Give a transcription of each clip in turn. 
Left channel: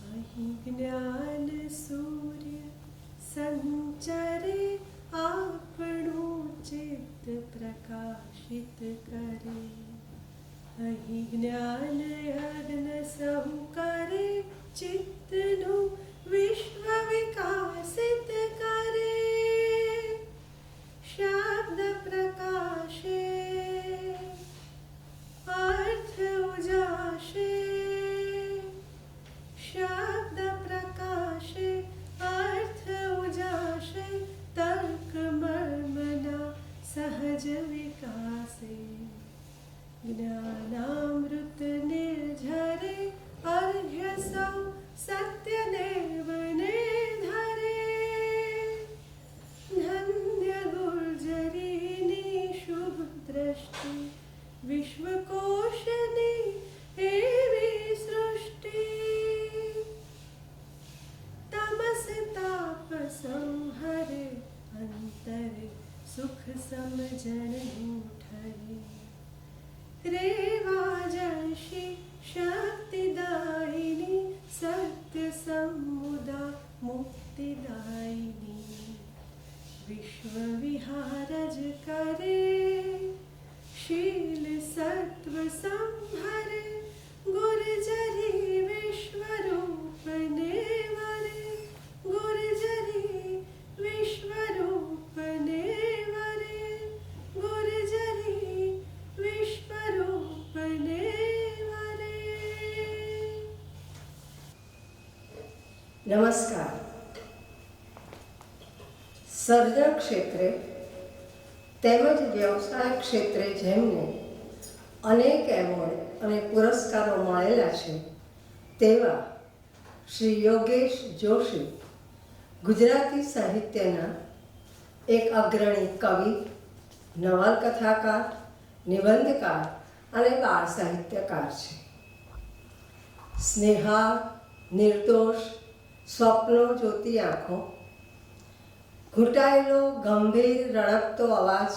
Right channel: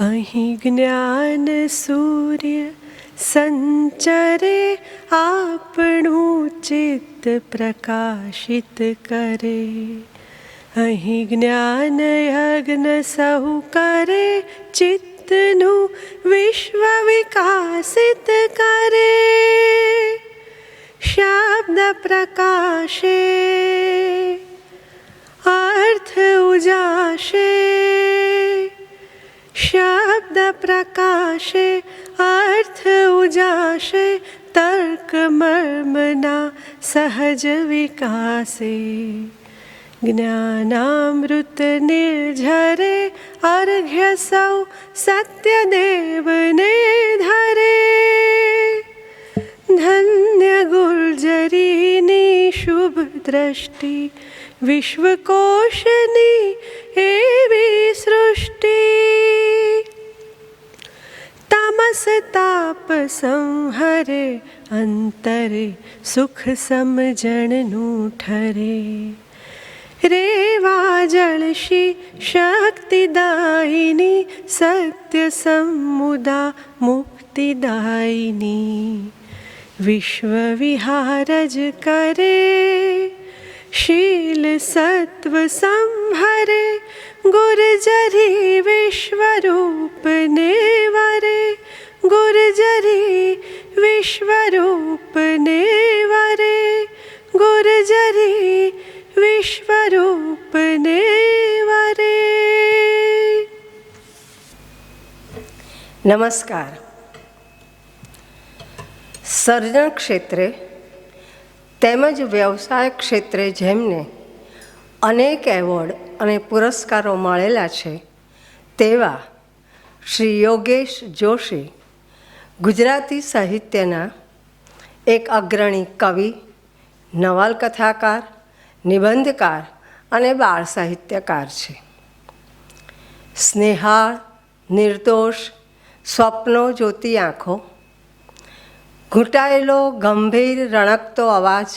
અહીં જ્ઞાન સૂર્ય સંચરે આપણું ચિત્ત પ્રકાશિત કરે. અહીં જ્ઞાન યજ્ઞ સહુ કરે ચિત્તનું વિશ્વ વિકાસિત કરે. શબ્દ પ્રકાશે અર્થ ઉજાશે. શબ્દ પ્રકાશે અર્થ ઉજાશે. તર્ક મર્મના સહજ વિકાસે. જ્ઞાનામૃત નિર્ઝરે અર્ઘ્ય સૌ સત્યદેવને ધરે. ધન્ય ગુર્જરીની શુભ દ્રષ્ટિ વિશ્વકોશની એવી સૃષ્ટિ. તમસ તાપ સંહરે અંતરે સુખ સમજણનું ઠરે. રેવા જળશી શક્તિદાયિની સત્ય સમુદા મુક્તિદાયિની. વિશ્વ વિહાર જ કરે શીલ સત્વ સંહરે. ગુર્જરી વિશ્વરૂપને વરે. ગુર્જરી વિશ્વરૂપને વરે. ગુર્જરી વિશ્વરૂપને વરે. નમસ્કાર. સર્જન ક્ષેત્રે તેમજ વ્યવસાય ક્ષેત્રે જેમને અનેક એવોર્ડ અને પુરસ્કારો મળેલા છે તેવા શ્રી યોગેશ જોશી ગુજરાતી સાહિત્યના એક અગ્રણી કવિ, નવલકથાકાર, નિબંધકાર અને બાળ સાહિત્યકાર છે. સ્નેહાળ, નિર્દોષ, સ્વપ્નો જોતી આંખો, ઘૂંટાયેલો ગંભીર રણકતો અવાજ,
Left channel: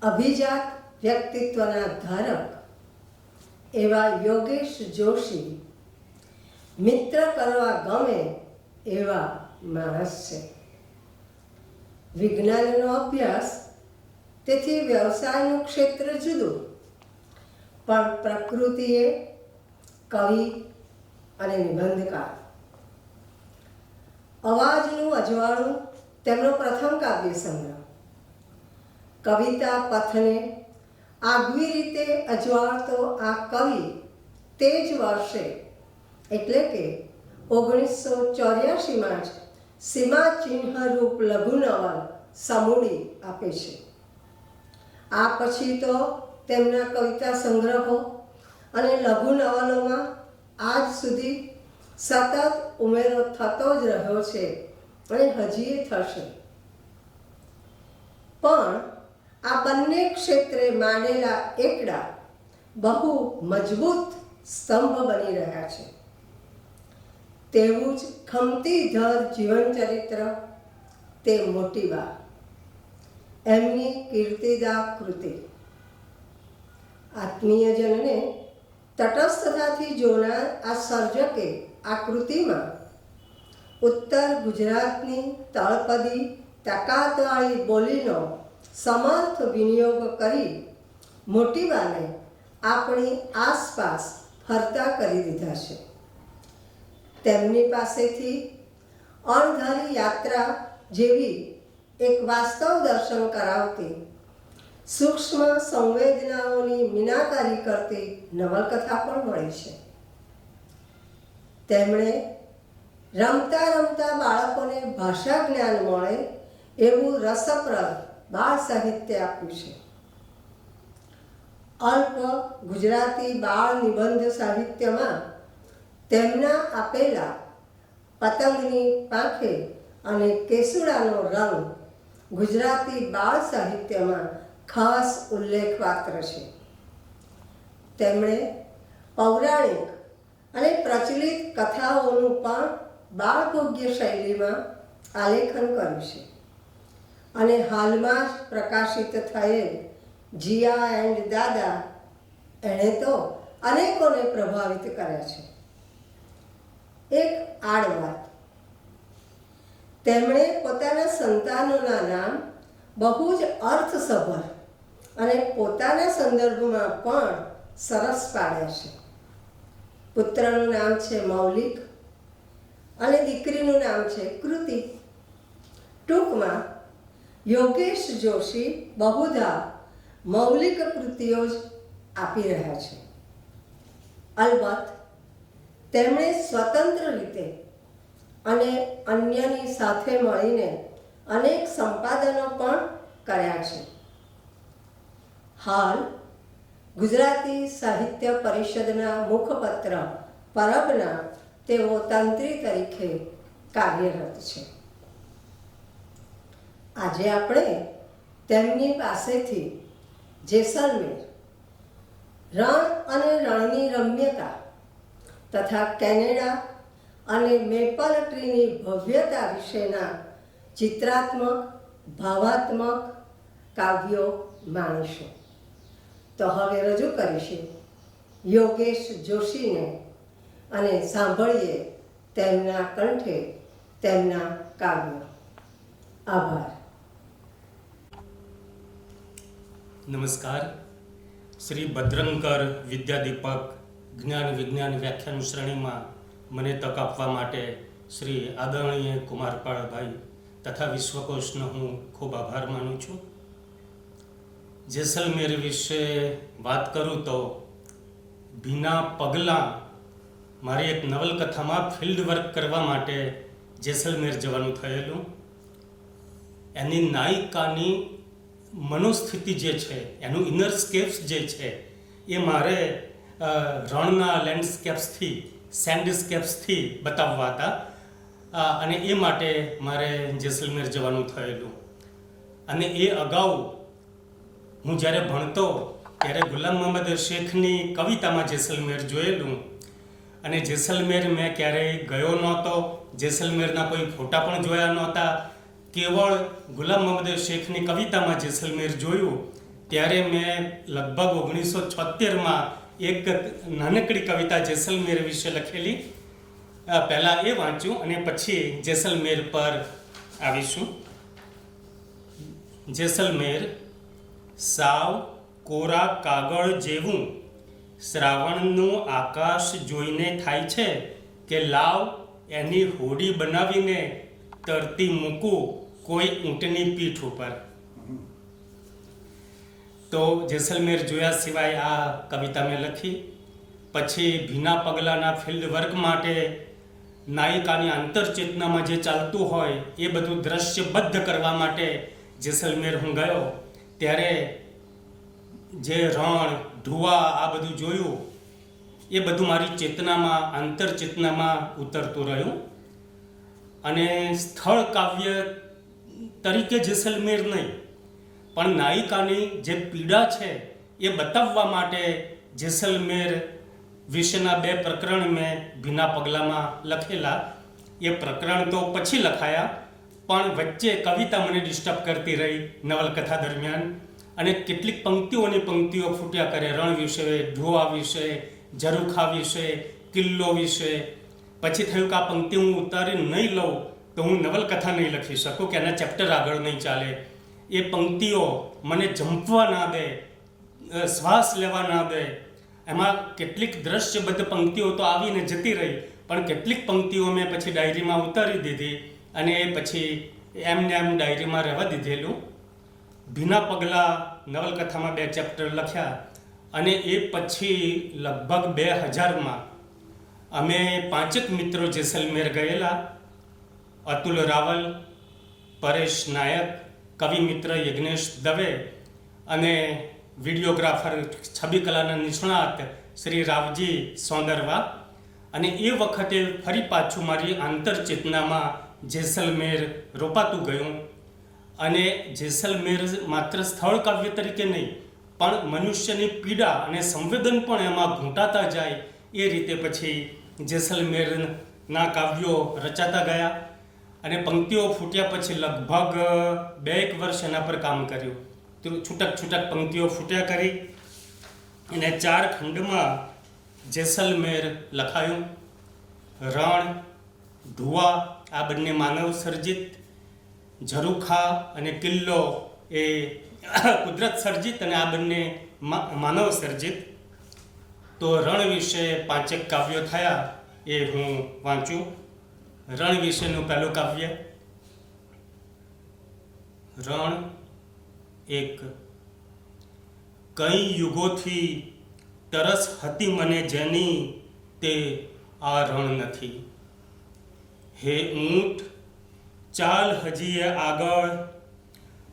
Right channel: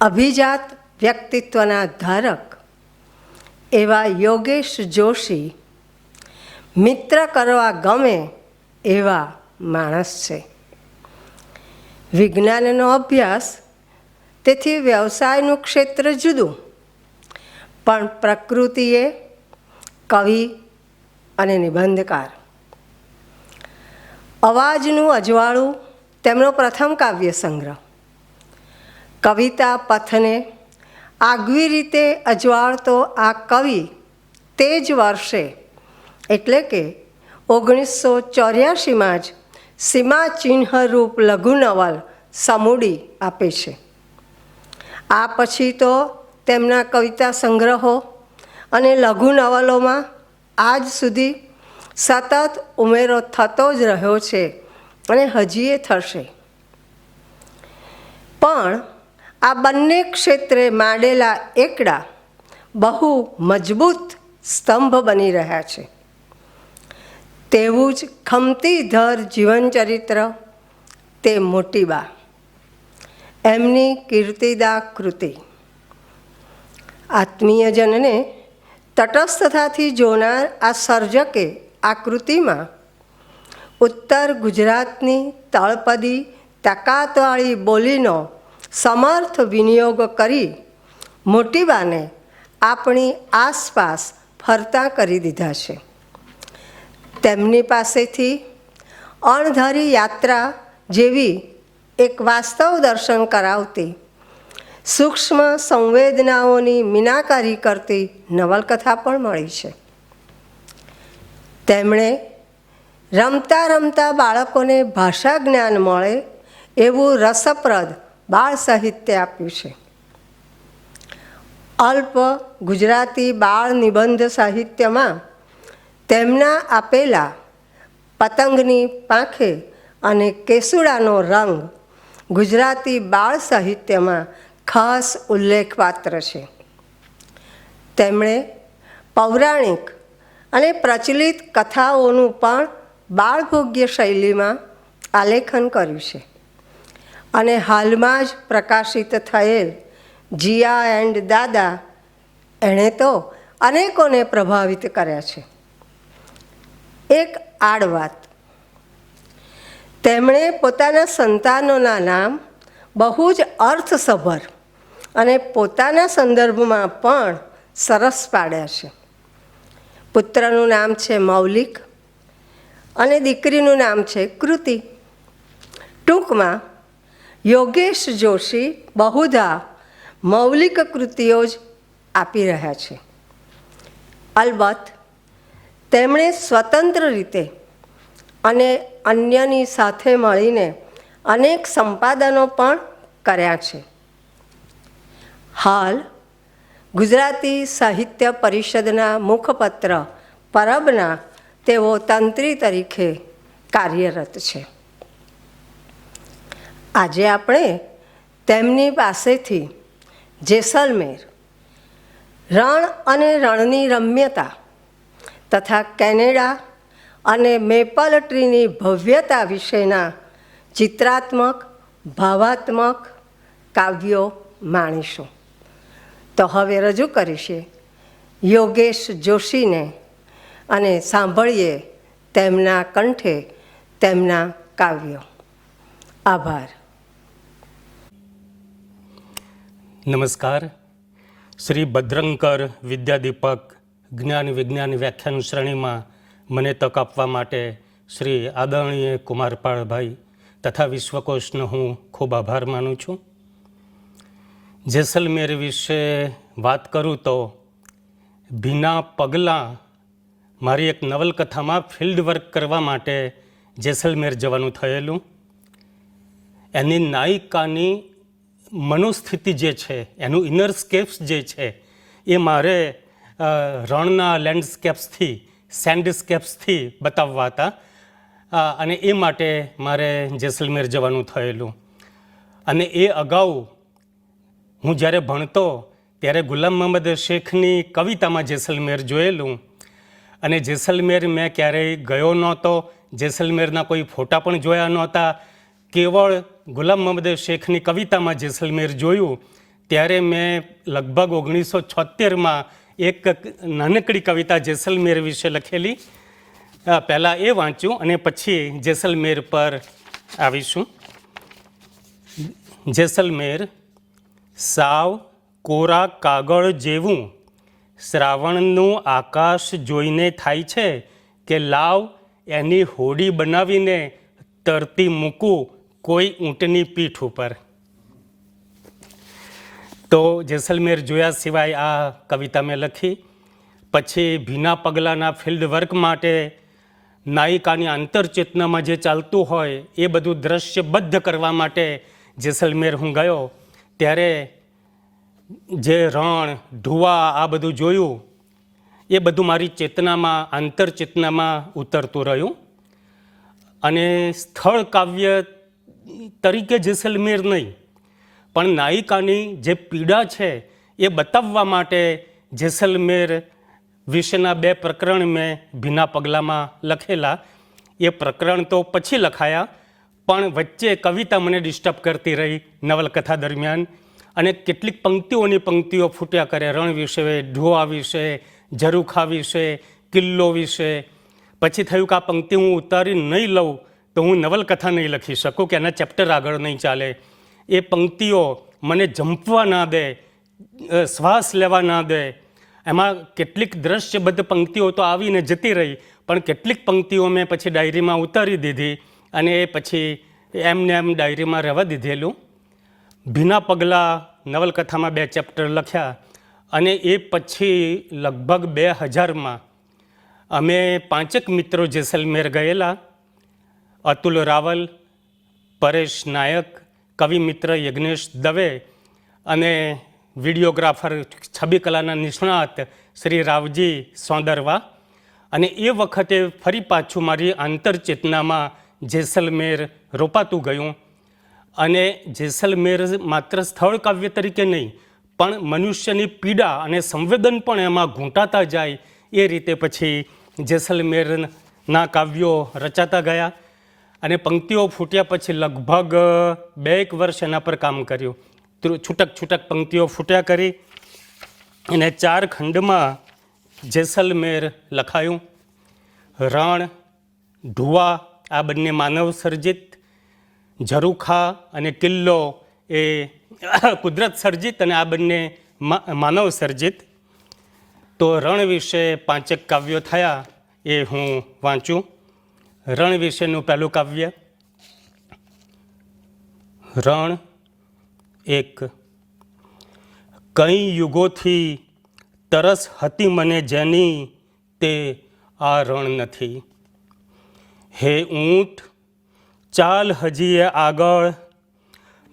અભિજાત વ્યક્તિત્વના ધારક એવા યોગેશ જોશી મિત્ર કરવા ગમે એવા માણસ છે. વિજ્ઞાનનો અભ્યાસ, તેથી વ્યવસાયનું ક્ષેત્ર જુદું, પણ પ્રકૃતિએ કવિ અને નિબંધકાર. અવાજનું અજવાળું તેમનો પ્રથમ કાવ્ય સંગ્રહ. કવિતા પથને આગવી રીતે અજવાળતો આ કવિ તે જ વર્ષે એટલે કે 1984માં જ સીમાચિહ્નરૂપ લઘુ નવલ સમૂડી આપે છે. આ પછી તો તેમના કવિતા સંગ્રહો અને લઘુ નવલોમાં આજ સુધી સતત ઉમેરો થતો જ રહ્યો છે અને હજીએ થશે. પણ આ બંને ક્ષેત્રે માંડેલા એકડા બહુ મજબૂત સ્તંભ બની રહ્યા છે. તેવું જ ખમતીધર જીવનચરિત્ર તે મોટીબા, એમની કીર્તિદા કૃતિ. આત્મીયજનને તટસ્થતાથી જોનાર આ સર્જકે આ કૃતિમાં ઉત્તર ગુજરાતની તળપદી તાકાતવાળી બોલીનો સમર્થ વિનિયોગ કરી મોટીબાને આપણી આસપાસ ફરતા કરી દીધા છે. તેમની પાસેથી અણધારી યાત્રા જેવી એક વાસ્તવ દર્શન કરાવતી, સૂક્ષ્મ સંવેદનાઓની મીનાકારી કરતી નવલકથા પણ મળી છે. તેમણે રમતા રમતા બાળકોને ભાષા જ્ઞાન મળે એવું રસપ્રદ બાળ સાહિત્ય આપ્યું છે. અલ્પ ગુજરાતી બાળ નિબંધ સાહિત્યમાં તેમના આપેલા પતંગની પાંખે અને કેસુડાનો રંગ ગુજરાતી બાળ સાહિત્યમાં ખાસ ઉલ્લેખપાત્ર છે. તેમણે પૌરાણિક અને પ્રચલિત કથાઓનું પણ બાળભોગ્ય શૈલીમાં આલેખન કર્યું છે અને હાલમાં જ પ્રકાશિત થયેલ જીયા એન્ડ દાદા એણે તો અનેકોને પ્રભાવિત કર્યા છે. એક આડ વાત. તેમણે પોતાના સંતાનોના નામ બહુ જ અર્થસભર અને પોતાના સંદર્ભમાં પણ સરસ પાડ્યા છે. પુત્રનું નામ છે મૌલિક અને દીકરીનું નામ છે કૃતિ. ટૂંકમાં યોગેશ જોશી બહુધા મૌલિક કૃતિઓ જ આપી રહ્યા છે. અલબત્ત તેમણે સ્વતંત્ર રીતે અને અન્યની સાથે મળીને અનેક સંપાદનો પણ કર્યા છે. હાલ ગુજરાતી સાહિત્ય પરિષદના મુખપત્ર પરબના તેઓ તંત્રી તરીકે કાર્યરત છે. આજે આપણે તેમની પાસેથી જેસલમેર, રણ અને રણની રમ્યતા તથા કેનેડા અને મેપલ ટ્રીની ભવ્યતા વિશેના ચિત્રાત્મક, ભાવાત્મક કાવ્યો માણીશું. તો હવે રજૂ કરીશે યોગેશ જોશીને અને સાંભળીએ તેમના કંઠે તેમના કાવ્યો. આભાર. નમસ્કાર. શ્રી ભદ્રંકર વિદ્યાદીપક જ્ઞાન વિજ્ઞાન વ્યાખ્યાન શ્રેણીમાં મને તક આપવા માટે શ્રી આદરણીય કુમારપાળભાઈ તથા વિશ્વકોશનો હું ખૂબ આભાર માનું છું. જેસલમેર વિશે વાત કરું તો ભીના પગલાં મારી એક નવલકથામાં ફિલ્ડ વર્ક કરવા માટે જેસલમેર જવાનું થયેલું. એની નાયિકાની મનોસ્થિતિ જે છે, એનું ઇનરસ્કેપ્સ જે છે, એ મારે રણના લેન્ડસ્કેપ્સથી, સેન્ડસ્કેપ્સથી બતાવવા હતા અને એ માટે મારે જેસલમેર જવાનું થયેલું. અને એ અગાઉ હું જ્યારે ભણતો ત્યારે ગુલામ મોહમ્મદ શેખની કવિતામાં જેસલમેર જોયેલું અને જેસલમેર મેં ક્યારેય ગયો નહોતો. જેસલમેરના કોઈ ફોટા પણ જોયા નહોતા. કેવળ ગુલામ મોહમ્મદ શેખની કવિતામાં જેસલમેર જોયું ત્યારે મેં લગભગ 1976માં એક નાનકડી કવિતા જેસલમેર વિશે લખેલી, પહેલાં એ વાંચ્યું અને પછી જેસલમેર પર આવીશું. જેસલમેર સાવ કોરા કાગળ જેવું શ્રાવણનું આકાશ જોઈને થાય છે કે લાવ એની હોડી બનાવીને તરતી મૂકું કોઈ ઊંટની પીઠ ઉપર. તો જેસલમેર જોયા સિવાય આ કવિતા મેં લખી. પછી ભીના પગલાંના ફિલ્ડ વર્ક માટે નાયિકાની આંતરચેતનામાં જે ચાલતું હોય એ બધું દ્રશ્યબદ્ધ કરવા માટે જેસલમેર હું ગયો. ત્યારે જે રણ, ધુવા આ બધું જોયું એ બધું મારી ચેતનામાં, આંતરચેતનામાં ઉતરતું રહ્યું. અને સ્થળ કાવ્ય તરીકે જેસલમેર નહીં, પણ નાયિકાની જે પીડા છે એ બતાવવા માટે જેસલમેર વિશેના 2 પ્રકરણ મેં ભીના પગલામાં લખેલા. એ પ્રકરણ તો પછી લખાયા, પણ વચ્ચે કવિતા મને ડિસ્ટર્બ કરતી રહી નવલકથા દરમિયાન અને કેટલીક પંક્તિઓ ફૂટ્યા કરે રણ વિશે, ઢોવા વિશે, ઝરૂખા વિશે, કિલ્લો વિશે. પછી થયું કે આ પંક્તિ હું ઉતારી નહીં લઉં તો હું નવલકથા નહીં લખી શકું, કે એના ચેપ્ટર આગળ નહીં ચાલે. એ પંક્તિઓ મને જંપવા ના દે, શ્વાસ લેવા ના દે. એમાં કેટલીક દ્રશ્યબદ્ધ પંક્તિઓ તો આવીને જતી રહી, પણ કેટલીક પંક્તિઓ મેં પછી ડાયરીમાં ઉતારી દીધી અને એ પછી એમને એમ ડાયરીમાં રહેવા દીધેલું. ભીના પગલાં નવલકથામાં 2 ચેપ્ટર લખ્યા અને એ પછી લગભગ 2000માં અમે 5 મિત્રો જેસલમેર ગયેલા. અતુલ રાવલ, પરેશ નાયક, કવિ મિત્ર યજ્ઞેશ દવે અને વિડીયોગ્રાફર, છબી કલાના નિષ્ણાત શ્રી રાવજી સોંદરવા. અને એ વખતે ફરી પાછું મારી આંતરચેતનામાં જેસલમેર રોપાતું ગયું. અને જેસલમેર માત્ર સ્થળ કાવ્ય તરીકે નહીં, પણ મનુષ્યની પીડા અને સંવેદન પણ એમાં ઘૂંટાતા જાય એ રીતે પછી જેસલમેરના કાવ્યો રચાતા ગયા. અને પંક્તિઓ ફૂટ્યા પછી લગભગ 2 વર્ષ એના પર કામ કર્યું. છૂટક પંક્તિઓ ફૂટ્યા કરી અને 4 ખંડમાં જેસલમેર લખાયું. રણ, ઢુવા આ બંને માનવ સર્જિત, ઝરૂખા અને કિલ્લો એ કુદરત સર્જિત અને આ બંને માનવ સર્જિત. તો રણ વિશે 5 કાવ્યો થયા એ હું વાંચું. રણ વિશેનું પહેલું કાવ્ય. રણ 1. કઈ યુગોથી તરસ હતી મને જેની તે આ રણ નથી. હે ઊંટ ચાલ હજીએ આગળ,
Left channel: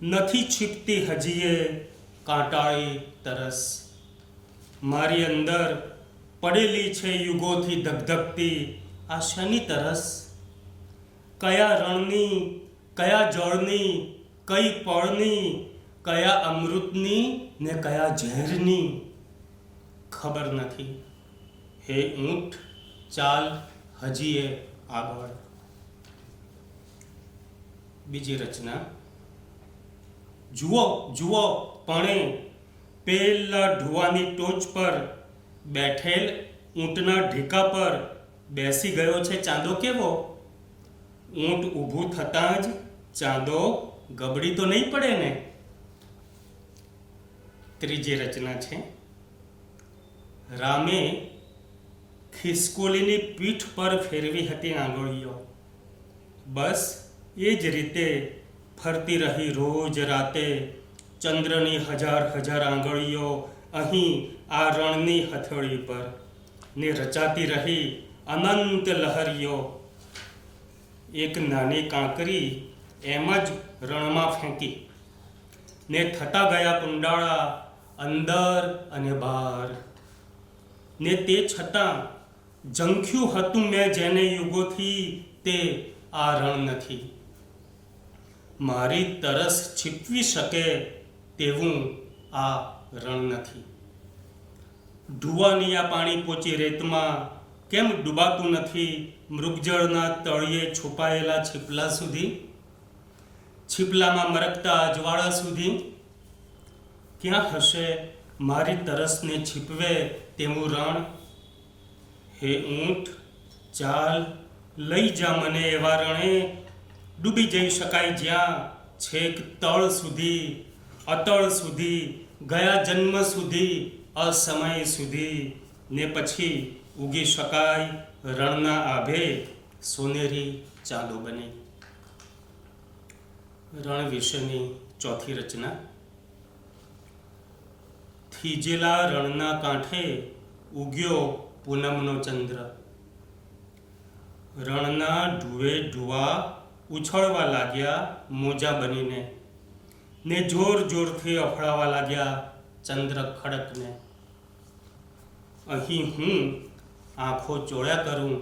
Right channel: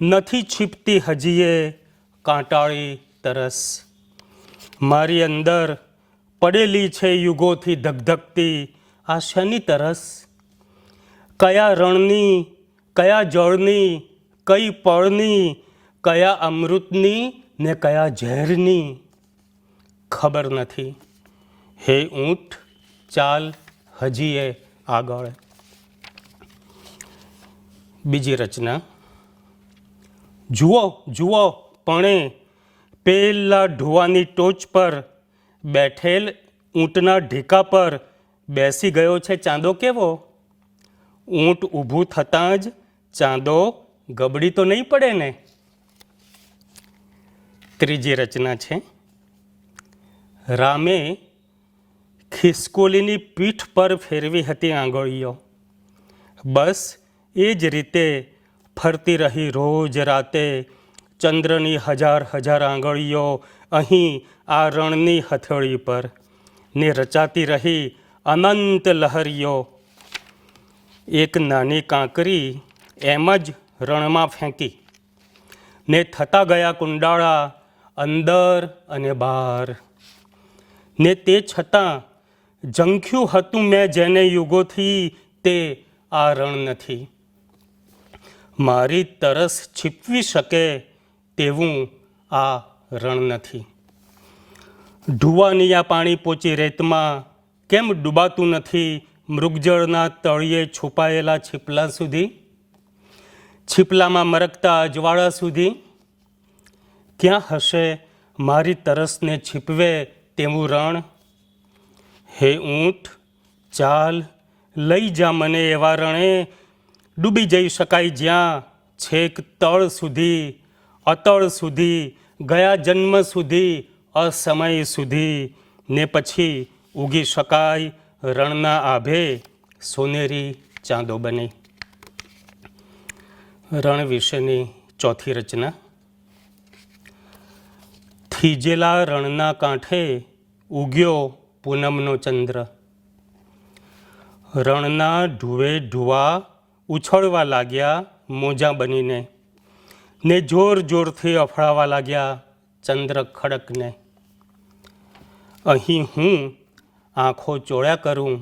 નથી છીપતી હજીએ કાંટાળી તરસ. મારી અંદર પડેલી છે યુગોથી ધગધગતી આ શેની તરસ. કયા રણની, કયા જળની, કઈ પળની, કયા અમૃતની ને કયા ઝેરની ખબર નથી. હે ઊંટ ચાલ હજીએ આગળ. બીજી રચના. જુઓ જુઓ પણે પેલા ઢુવાની ટોચ પર બેઠેલ ઊંટના ઢીકા પર બેસી ગયો છે ચાંદો કેવો. ઊંટ ઊભું થતાં જ ચાંદો ગબડી તો નહીં પડે ને. ત્રીજી રચના છે. રામે ખિસકોલીની પીઠ પર ફેરવી હતી આંગળીઓ, બસ એ જ રીતે ફરતી રહી રોજ રાતે ચંદ્રની હજાર હજાર આંગળીઓ અહીં આ રણની હથેળી પર, ને રચાતી રહી અનંત લહરીઓ. એક નાની કાંકરી એમ જ રણમાં ફેંકી, ને થતા ગયા કુંડાળા અંદર અને બહાર. ને તે છતાં ઝંખ્યું હતું મેં જેને યુગોથી તે આ રણ નથી. મારી તરસ છીપવી શકે તેવું આ રણ નથી. ઢુવાનિયા પાણી પોચી રેતમાં કેમ ડૂબાતું નથી મૃગજળના તળિયે છુપાયેલા છીપલા સુધી, છીપલામાં મરકતા અજવાળા સુધી. ક્યાં હશે મારી તરસને છીપવે તેવું રણ. હે ઊંટ ચાલ લઈ જા મને એવા રણે, ડૂબી જઈ શકાય જ્યાં છેક તળ સુધી, અતળ સુધી, ગયા જન્મ સુધી, અસમય સુધી, ને પછી ઉગી શકાય રણના આભે સોનેરી ચાંદો બને. રણ વિશેની ચોથી રચના. થીજેલા રણના કાંઠે ઉગ્યો પૂનમનો ચંદ્ર. રણના ઢુવે ઢુવા ઉછળવા લાગ્યા મોજા બનીને, ને જોર જોરથી અફળાવા લાગ્યા ચંદ્ર ખડકને. અહીં હું આંખો ચોળ્યા કરું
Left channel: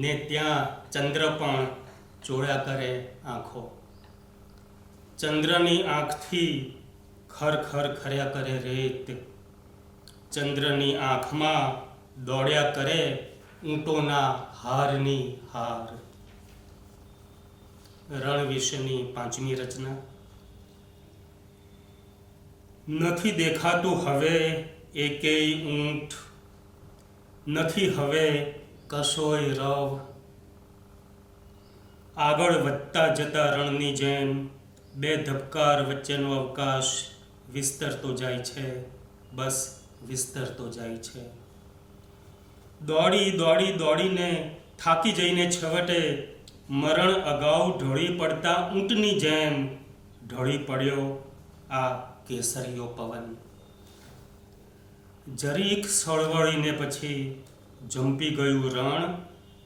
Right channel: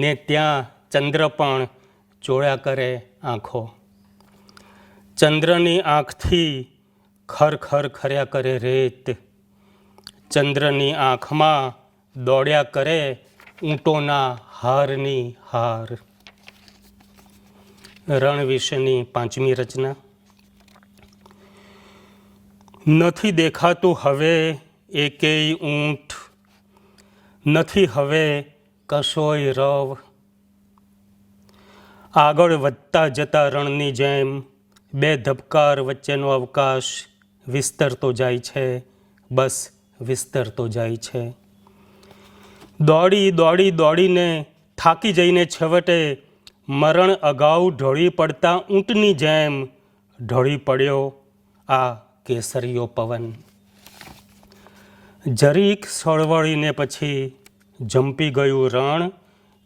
ને ત્યાં ચંદ્ર પણ ચોળ્યા કરે આંખો. ચંદ્રની આંખથી ખર ખર ખર્યા કરે રેત, ચંદ્રની આંખમાં દોડ્યા કરે ઊંટોના હારની હાર. રણ વિશેની પાંચમી રચના. નથી દેખાતું હવે એકેય ઊંટ, નથી હવે કશોય રવ. આગળ વધતા જતા રણની જેમ બે ધબકાર વચ્ચેનો અવકાશ વિસ્તરતો જાય છે, બસ વિસ્તરતો જાય છે. દોડી દોડી દોડીને થાકી જઈને છેવટે મરણ અગાઉ ઢળી પડતા ઊંટની જેમ ઢળી પડ્યો આ કેસરીયો પવન. જરીક સળવળીને પછી જંપી ગયું રણ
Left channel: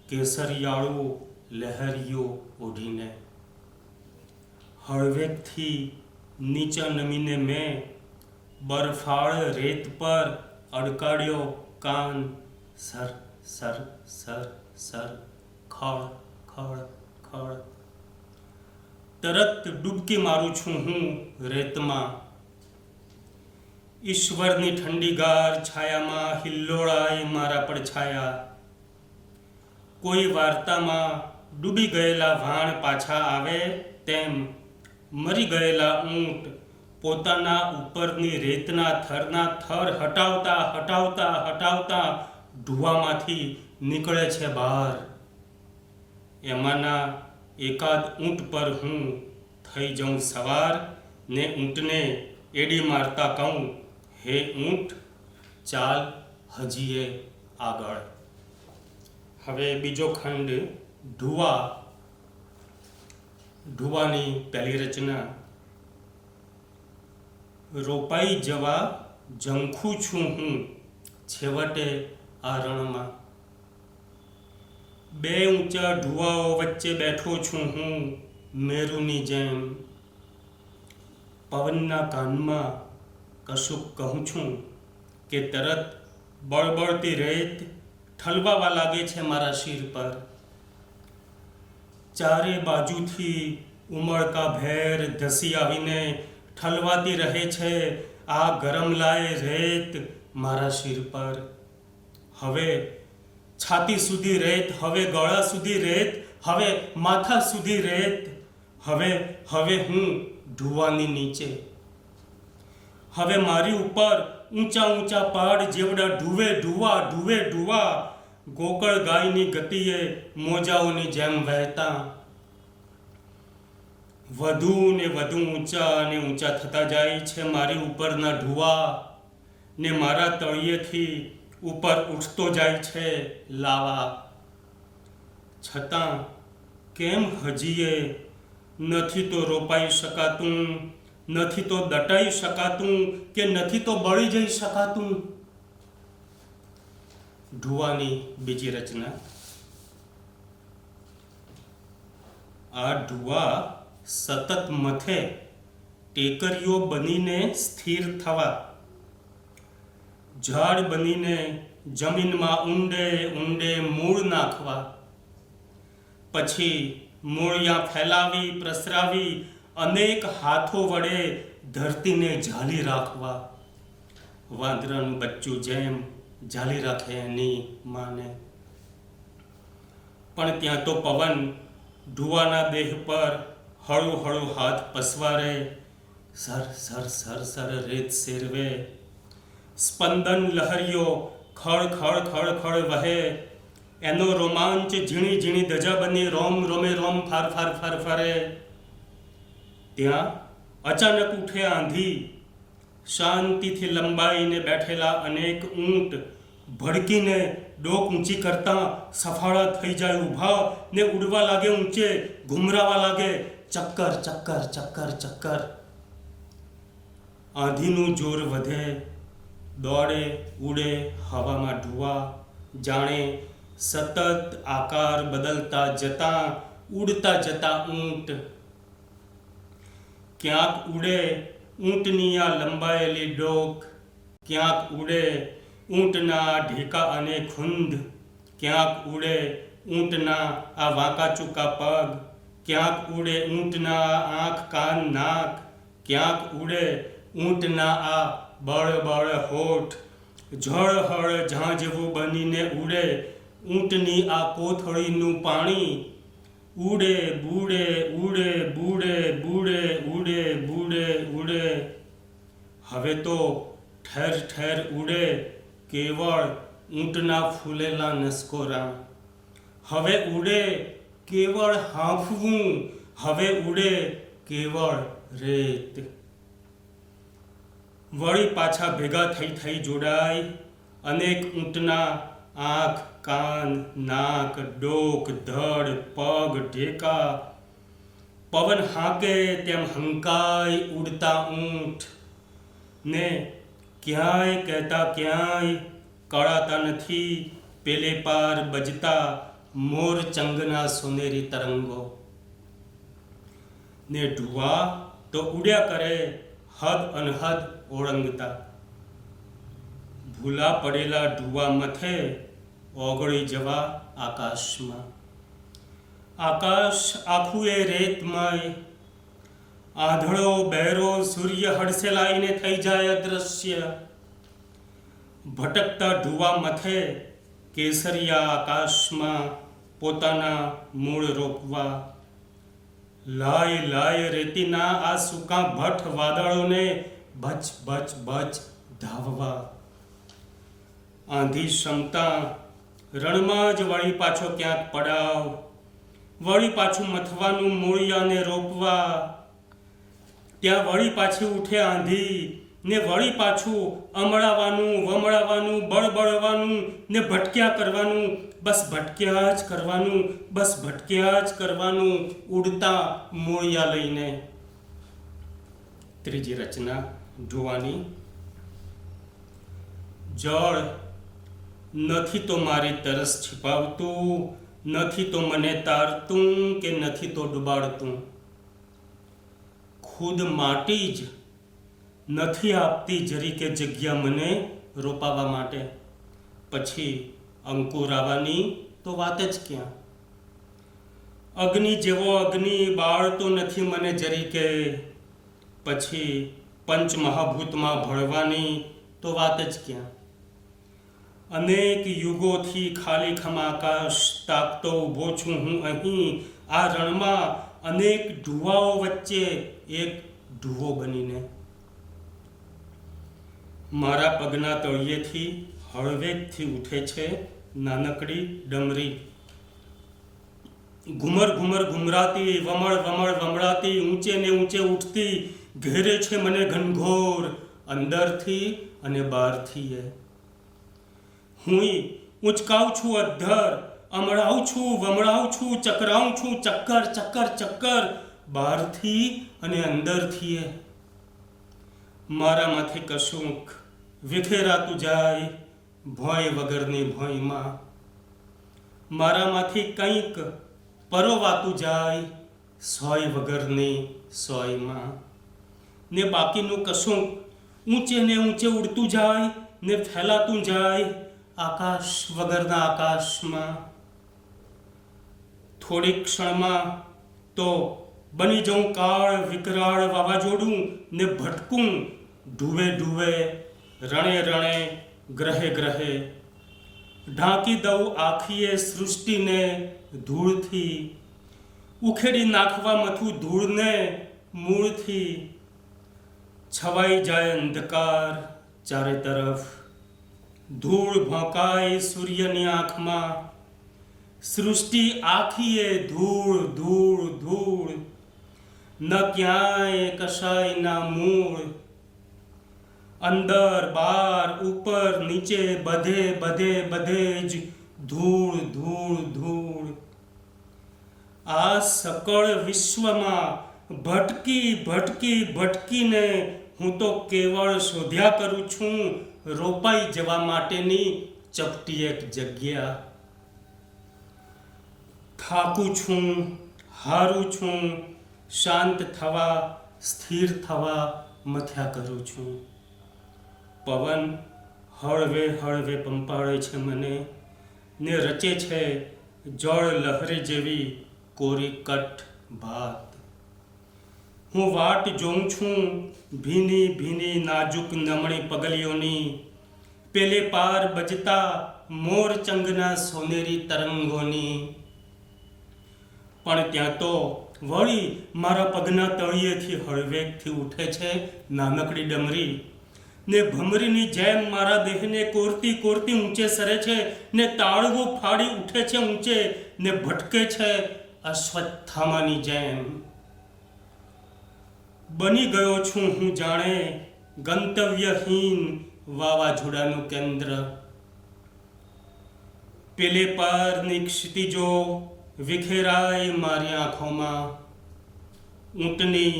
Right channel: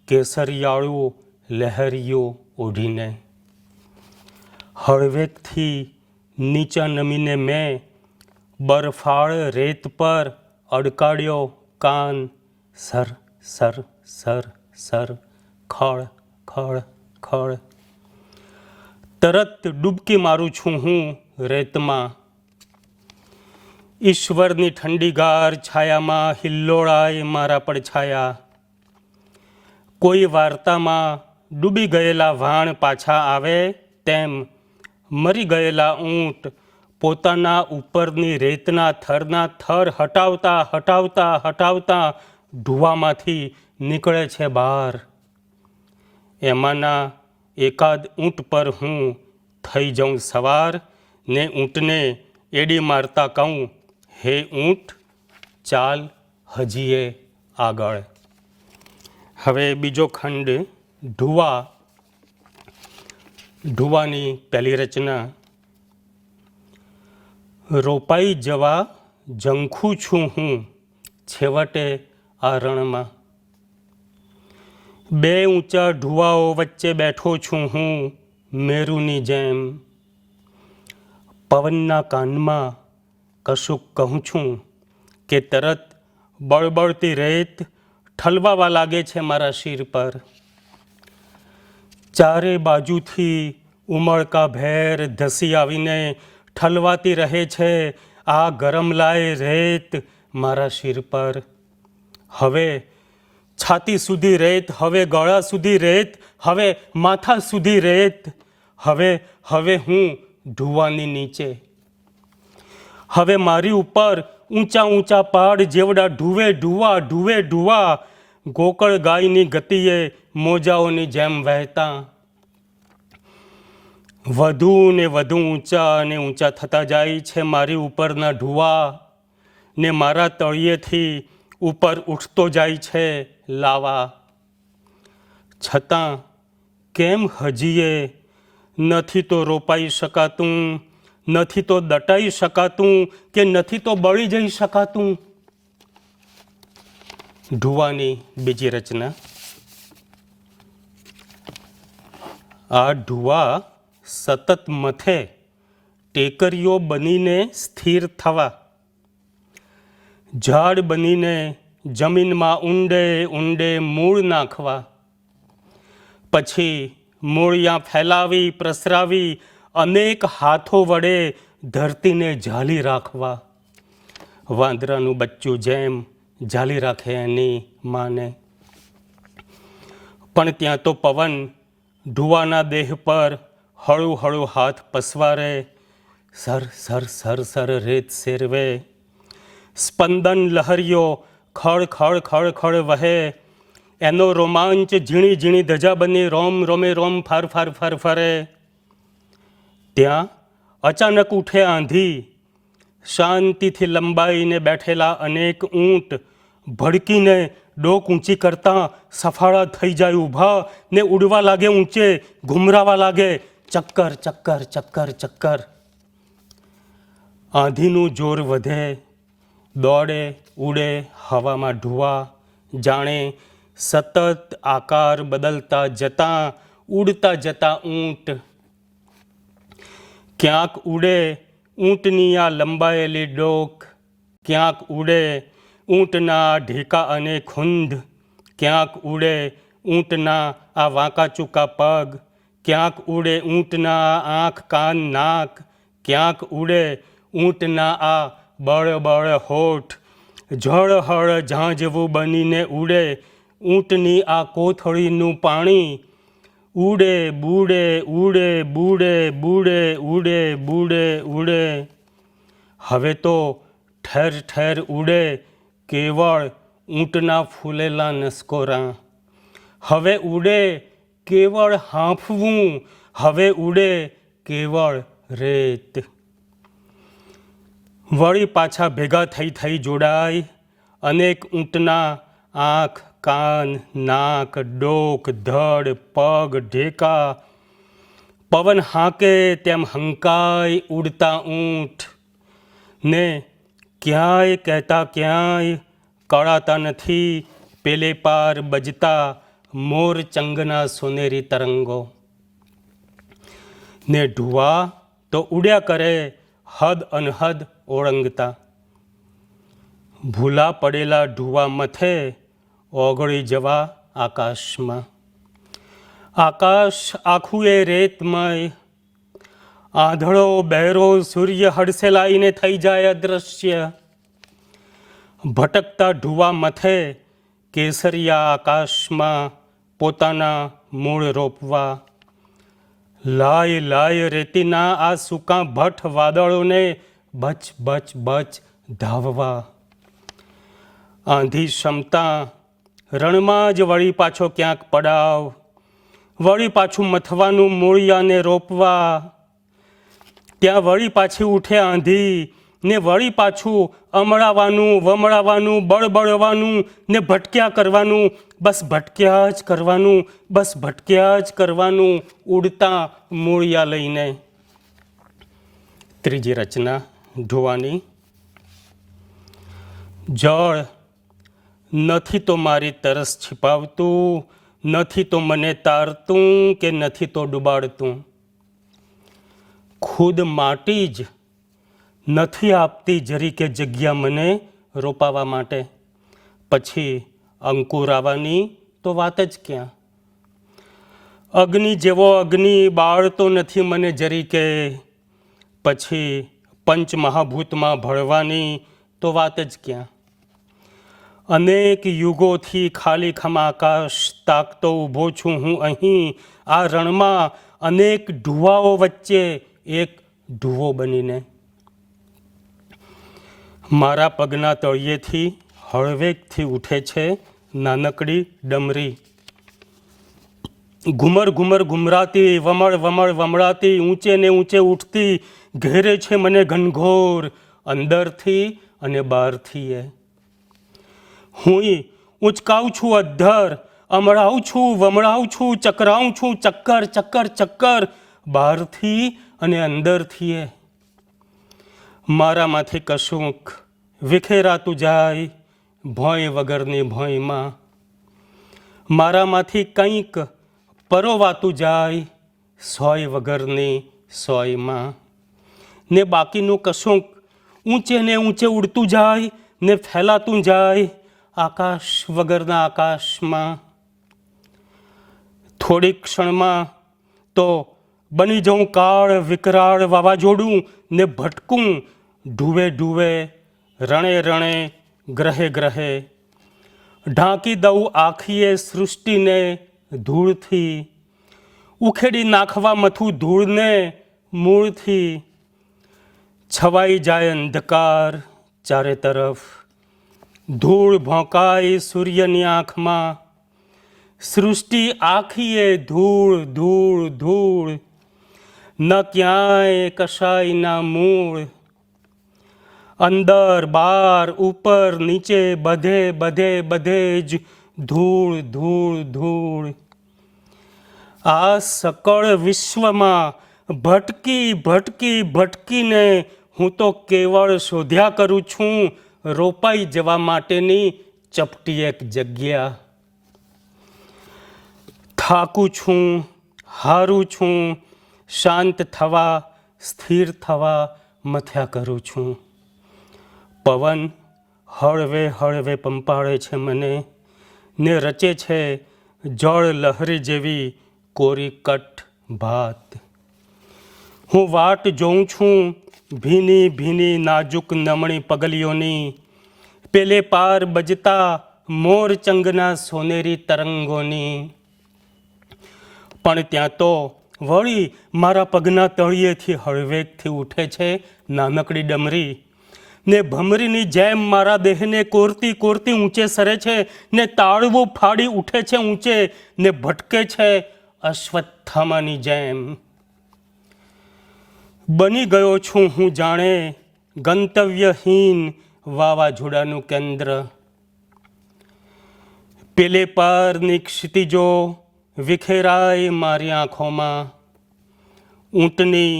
કેસરિયાળું લહેરિયું ઓઢીને. હળવેકથી નીચા નમીને મેં બરફાળ રેત પર અડકાડ્યો કાન. સર સર સર સર, ખળ ખળ ખળ. તરત ડૂબકી મારું છું હું રેતમાં. ઈશ્વરની ઠંડીગાર છાયામાં હિલ્લોળાય મારા પડછાયા. કોઈ વાર્તામાં ડૂબી ગયેલા વાણ પાછા આવે તેમ મરી ગયેલા ઊંટ પોતાના ઉપરની રેતના થરના થર હટાવતા હટાવતા હટાવતા ઢુવામાંથી નીકળે છે બહાર. એમાંના એકાદ ઊંટ પર હું થઈ જાઉં સવાર ને ઊંટને એડી મારતા કહું, હે ઊંટ ચાલ હજીએ આગળ. હવે બીજો ખંડ ઢુવા. ઢુવાની પહેલી રચના. રોપાઈ જવા ઝંખું છું હું છેવટે આ રણમાં, બે ઊંચા ઢુવાઓ વચ્ચે બેઠો છું હું મેરુની જેમ. પવનના કાનમાં કશુંક કહું છું કે તરત બળબળતી રેત ઠલવાવા લાગે છે મારા શિર પર. ચારે બાજુથી ઉમળકા ભેર ધસી આવીને ઠલવાતી રહે છે આ ગરમલાય રેત મારા શિર પર. હવે છાતી સુધી રેત, હવે ગળા સુધી રેત, હવે માથા સુધી રેત. હવે હું ઢુવાની નીચે. હવે મારી ઉપર ઊંચા ઊંચા પહાડ જેવડા ઢુવે ઢુવા ઢુવે ઢુવા ગોકળ ગાયની ગતિએ મોજાઓની જેમ વહેતા. વધુ ને વધુ ઊંચા અને ઊંચા થતા જાય છે મારી ઉપરના ઢુવા, ને મારા તળિયેથી ઉપર ઉઠતો જાય છે લાવા. છતાં કેમ હજીએ નથી તો રોપાઈ શકાતું, નથી તો દટાઈ શકાતું, કે નથી તો બળી જઈ શકાતું. ઢુવાની બીજી રચના. આ ઢુવા સતત મથે ટેકરીઓ બનીને સ્થિર થવા, ઝાડ બનીને જમીનમાં ઊંડે ઊંડે મૂળ નાખવા, પછી મૂળિયાં ફેલાવી પ્રસરાવી અનેક હાથો વડે ધરતીને ઝાલી રાખવા. વાંદરાનું બચ્ચું જેમ ઝાલી રાખે એની માને. પણ ત્યાં તો પવન ઢુવાના દેહ પર હળું હળું હાથ પસવારે, સર સર સર સર રેત સેરવે. સ્પંદન લહરીઓ ખળ ખળ ખળ ખળ વહે, એનો રોમાંચ ઝીણી ઝીણી ધજા બની રોમ રોમે રોમ ફાર ફાર ફાર ફરે. ત્યાં અચાનક ઉઠે આંધી, શાંતિથી લંબાઈને બેઠેલા અનેક ઊંટ ભડકીને ડોક ઊંચી કરતા સફાળા થઈ જાય ઊભા, ને ઉડવા લાગે ઊંચે, ઘુમરાવા લાગે ચક્કર ચક્કર ચક્કર ચક્કર. આંધીનું જોર વધે, દોડે ઉડે હવામાં ઢુવા, જાણે સતત આકાર બદલતા જતા ઉડતા જતા ઊંટ. ક્યાંક ઉડે ઊંટની આ લંબાયેલી ડોક, ક્યાંક ઉડે ઊંટના ઢેકા અને ખુંદ, ક્યાંક ઉડે ઊંટના આ વાંકા ચૂકા પગ, ક્યાંક ઉડે ઊંટના આંખ કાન નાક, ક્યાંક ઉડે ઊંટના આ બળ બળ હોઠ. ઝળહળ ઝાંઝવું બનીને ઉડે ઊંટની આ કોથળીનું પાણી. ઉડે બુડે ઉડે બુડે બુડે ઉડે બુડે ઉડે. હવે તો ઠેર ઠેર ઉડે કેવળ ઊંટના ફૂલેલા નસકોરા. હવે ઉડે કેવળ હાંફવું, હવે ઉડે કેવળ રેત. વળી પાછા ભેગા થઈ જોડાય અનેક ઊંટના આંખ કાન નાક ડોક ધડ પગ ઢેકા. પવન હાંકે તેમ હંકાય ઉડતા ઊંટ, ને ક્યાંય કહેતા ક્યાંય કળાતા નથી પેલે પાર બજતા મોર ચંગના સોનેરી તરંગો. ને ઢુવા તો ઉડ્યા કરે હદ અનહદ ઓળંગતા. ભૂલા પડેલા ઢુવા મથે ઓગળી જવા આકાશમાં. આકાશ આખું એ રેતમય, આંધળો બહેરો સૂર્ય હડસેલાઈને થઈ જાય અદૃશ્ય. ભટકતા ઢુવા મથે કેસરિયા આકાશમાં પોતાના મૂળ રોપવા. લાય લાય રેતીના આ સૂકા ભઠ વાદળોને બચ બચ બચ ધાવવા. આંધી ક્ષમતા રણમાં જ વળી પાછો ક્યાંક પડાવ, વળી પાછું મથવાનું મૂળિયાને રોપવા, ત્યાં વળી પાછી ઉઠે આંધી ને વળી પાછું અમળાવાનું વમળાવાનું બળબળવાનું ને ભટક્યા કરવાનું, બસ ભટક્યા જ કરવાનું, બસ ભટક્યા જ કરવાનું ઉડતા મૂળિયા લઈને. ત્રીજી રચના ઢોવાની. જળ નથી તો મારી તરસ છિપાવતું, નથી તો મને તારતું કે નથી તો ડુબાડતું. ખુદ માટી જ નથી આપતી જરી કે જગ્યા મને રોપાવા માટે, પછી અંકુર આવવાની તો વાત જ ક્યાં. અગ્નિ જેવો અગ્નિ બાળતો નથી મને જરી કે, પછી પંચમહાભૂતમાં ભળવાની તો વાત જ ક્યાં. અનેક યુગોથી ખાલી ખમ આકાશ તાકતો ઊભો છું હું અહીં આ રણમાં, અનેક ઢુવાઓ વચ્ચે એક ઢુવો બનીને. મારા પગના તળિયેથી હળવેકથી ઉઠે છે નાનકડી ડમરી. ઘુમર ઘુમર ઘુમરાતી, વમળ વમળ વમળાતી, ઊંચે ને ઊંચે ઉઠતી, ઘેરે છે મને ઘનઘોર અંદરથી અને બહારથી. હુંય ઉંચકાઉં છું અધ્ધર, અમળાવું છું વમળાવું છું, ચકરાવું છું ચક્કર ચક્કર ચક્કર, બહારથી અને અંદરથી. મારામાંથી કશુંક વિખેરાતું જાય ભોંય વગરની ભોંયમાં, મારામાંથી કંઈક પરોવાતું જાય સોય વગરની સોયમાં, ને બાકીનું કશુંક ઊંચે ને ઊંચે ઉડતું જાય ને ફેલાતું જાય આકાશ વગરના આકાશમાં. થોડીક ક્ષણમાં તો બની જઉં કાળ વિકરાળ વાવાઝોડું ને ભટકું ઢુવે ઢુવે, રણે રણે, ગ્રહે ગ્રહે. ઢાંકી દઉં આખીએ સૃષ્ટિને ધૂળથી, ઉખેડી નાખવા મથું ધૂળને મૂળથી. છવાઈ જાય અંધકાર ચારે તરફ, ધૂળ ભોંકાય સૂર્યની આંખમાં, સૃષ્ટિ આખીએ ધૂળ ધૂળ ધૂળ, ન ક્યાંય કશાયના મૂળ. અંદર બાર ઉપર નીચે બધે બધે બધે જ ધૂળ ધૂળ ધૂળ. આ સકળ વિશ્વમાં ભટકી ભટકી ભટકીને હું તો કેવળ શોધ્યા કરું છું રોપાઈ જવા માટેની ચપટી એક જગ્યા. થાકું છું, હારું છું, શાંત થવા સ્થિર થવા મથ્યા કરું છું. પવન હળવે હળવે પંપાળે છે મને ને રચે છે જળ લહરી જેવી કોરી કટ ભાત. હું વાટ જોઉં છું ભીની ભીની નાજુક નમણી પગલીઓની, પેલે પાર બજતા મોરચંગના સોનેરી તરંગોની. પણ ત્યાં તો વળી મારા પગના તળિયેથી હળવેકથી ઉઠે છે નાનકડી ડમરી, ને ભમરીની જેમ મારા દેહને કોરતી કોરતી ઊંચે સરે છે, ને તાળવું ફાડી ઉઠે છે ઊંચે, ને ભટકે છે અશ્વત્થામાની જેમ. બની ગયો છું હું જાણે ગંતવ્યહીન વાવાઝોડાનું કેન્દ્ર. પેલે પારની ક્ષિતિજો વિખેરાય મારી આંખોમાં, ઊંટની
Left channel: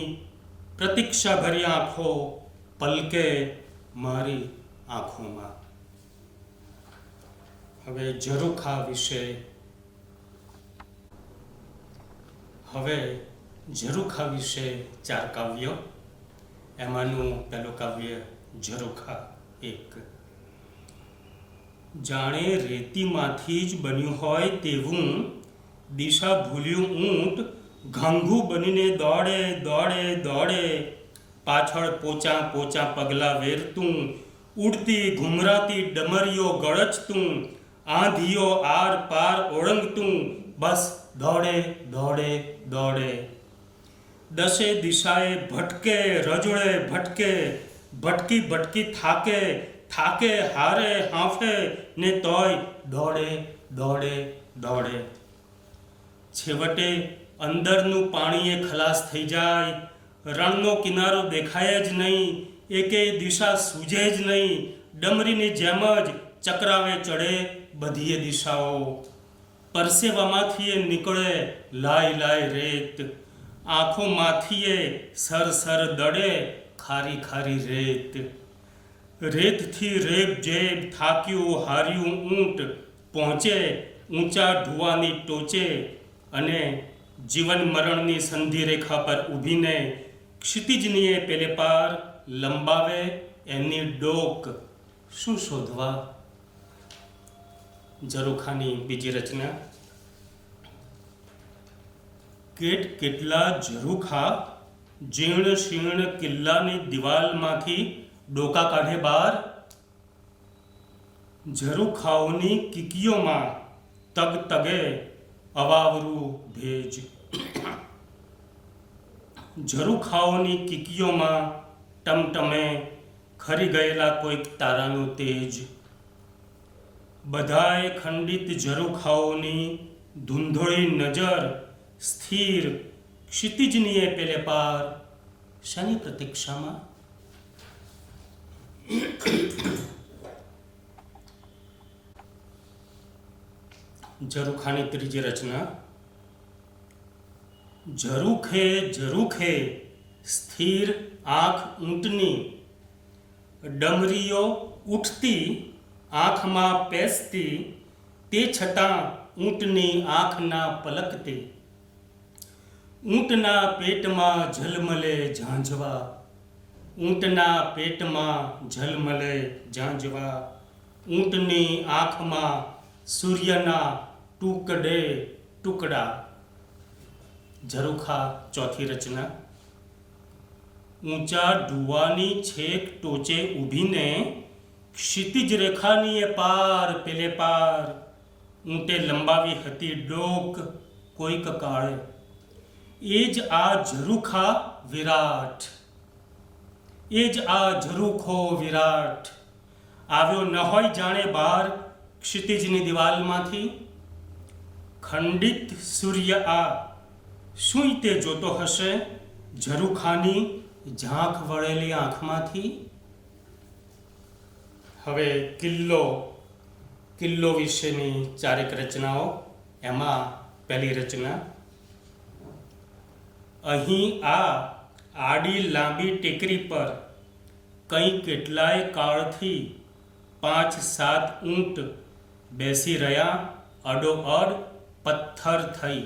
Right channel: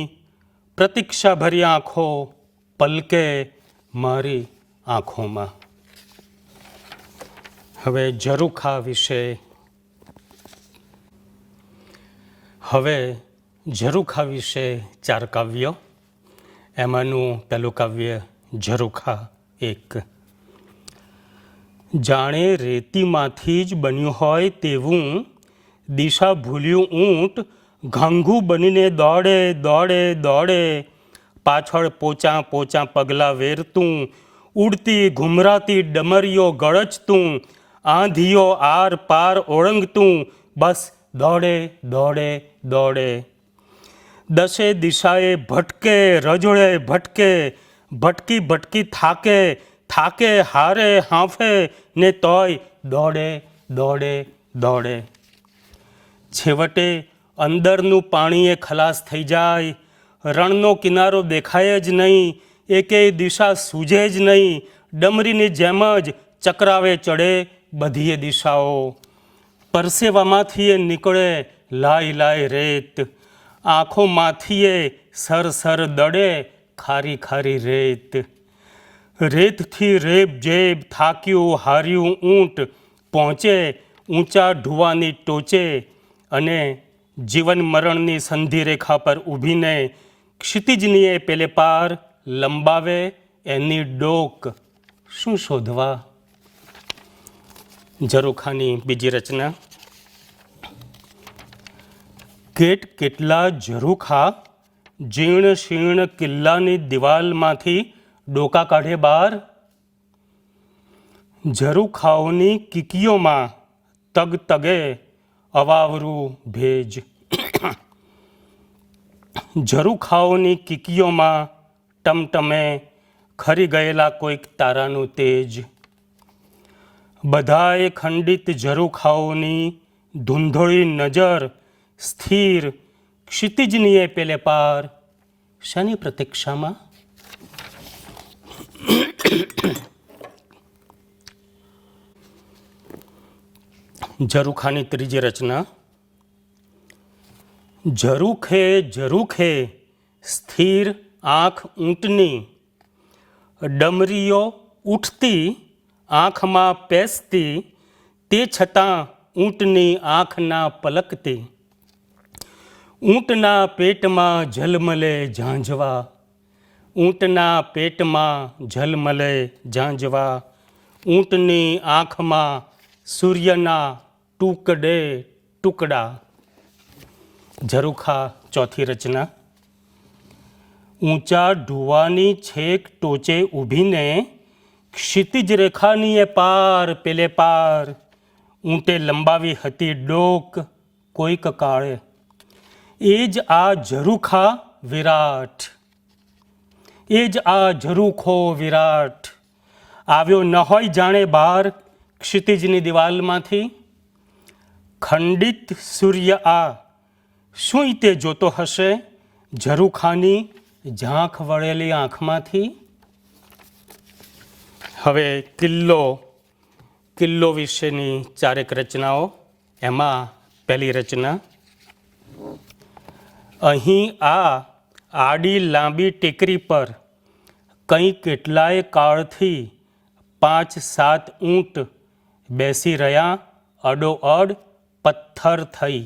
પ્રતીક્ષાભરી આંખો પલકે મારી આંખોમાં. હવે ઝરૂખા વિશે ચાર કાવ્યો. એમાંનું પહેલું કાવ્ય ઝરૂખા એક. જાણે રેતીમાંથી જ બન્યું હોય તેવું દિશા ભૂલ્યું ઊંટ ઘાંઘું બનીને દોડે દોડે દોડે, પાછળ પોચા પોચા પગલાં વેરતું, ઉડતી ઘુમરાતી ડમરીઓ ગળચતું, આંધીઓ આર પાર ઓળંગતું, બસ દોડે દોડે દોડે. દશે દિશાએ ભટકે રજોડે ભટકે, ભટકી ભટકી થાકે થાકે હારે હાંફે, ને તોય દોડે દોડે દોડે. છેવટે અંદરનું પાણી એ ખલાસ થઈ જાય, રણનો કિનારો દેખાય જ નહીં, એકેય દિશા સૂઝે જ નહીં, ડમરીની જેમ જ ચક્રાવે ચડે બધીએ દિશાઓ. પરસેવામાંથી એ નીકળે લાય લાય રેત, આંખોમાંથી એ સર સર દડે ખારી ખારી રેત. રેતથી રેબ જેબ થાક્યું હાર્યું ઊંટ પહોંચે ઊંચા ઢુવાની ટોચે, અને જીવન મરણની સંધિ રેખા પર ઊભીને ક્ષિતિજની એ પેલે પાર લંબાવે એની ડોક. શું શોધવા? ઝરૂખાની બીજી રચના. કેટલા ઝરૂખા જીર્ણ શીર્ણ કિલ્લાની દિવાલમાંથી ડોકા કાઢે બહાર. ઝરૂખાઓની કીકીઓમાં તગ તગે અવાવરું ભેજ. ઝરૂખાઓની કીકીઓમાં ટમટમે ખરી ગયેલા કોઈક તારાનું તેજ. બધાએ ખંડિત ઝરૂખાઓની ધૂંધોળી નજર સ્થિર ક્ષિતિજની એ પેલે પાર શાની પ્રતીક્ષામાં? ઝરૂખાની ત્રીજી રચના. ઝરૂખે ઝરૂખે સ્થિર આંખ ઊંટની, ડમરીઓ ઉઠતી આંખમાં પેસતી, તે છતાં ઊંટની આંખ ના પલકતી. ઊંટના પેટમાં ઝલમલે ઝાંઝવા, ઊંટના પેટમાં ઝલમલે ઝાંઝવા, ઊંટની આંખમાં સૂર્યના ટુકડે ટુકડા. ઝરૂખા ચોથી રચના. ઊંચા ઢુવાની છેક ટોચે ઊભીને ક્ષિતિજ રેખાની એ પાર પેલે પાર ઊંટે લંબાવી હતી ડોક કોઈક કાળે. એ જ આ ઝરૂખા વિરાટ, એ જ આ ઝરૂખો વિરાટ. આવ્યો ન હોય જાણે બહાર ક્ષિતિજની દિવાલમાંથી. ખંડિત સૂર્ય આ શું તે જોતો હશે ઝરૂખાની ઝાંખ વળેલી આંખમાંથી. હવે કિલ્લો વિશેની ચારેક રચનાઓ. એમાં પહેલી રચના. અહીં આ આડી લાંબી ટેકરી પર કંઈ કેટલાય કાળથી 5-7 ઊંટ બેસી રહ્યા અડોઅડ પથ્થર થઈ.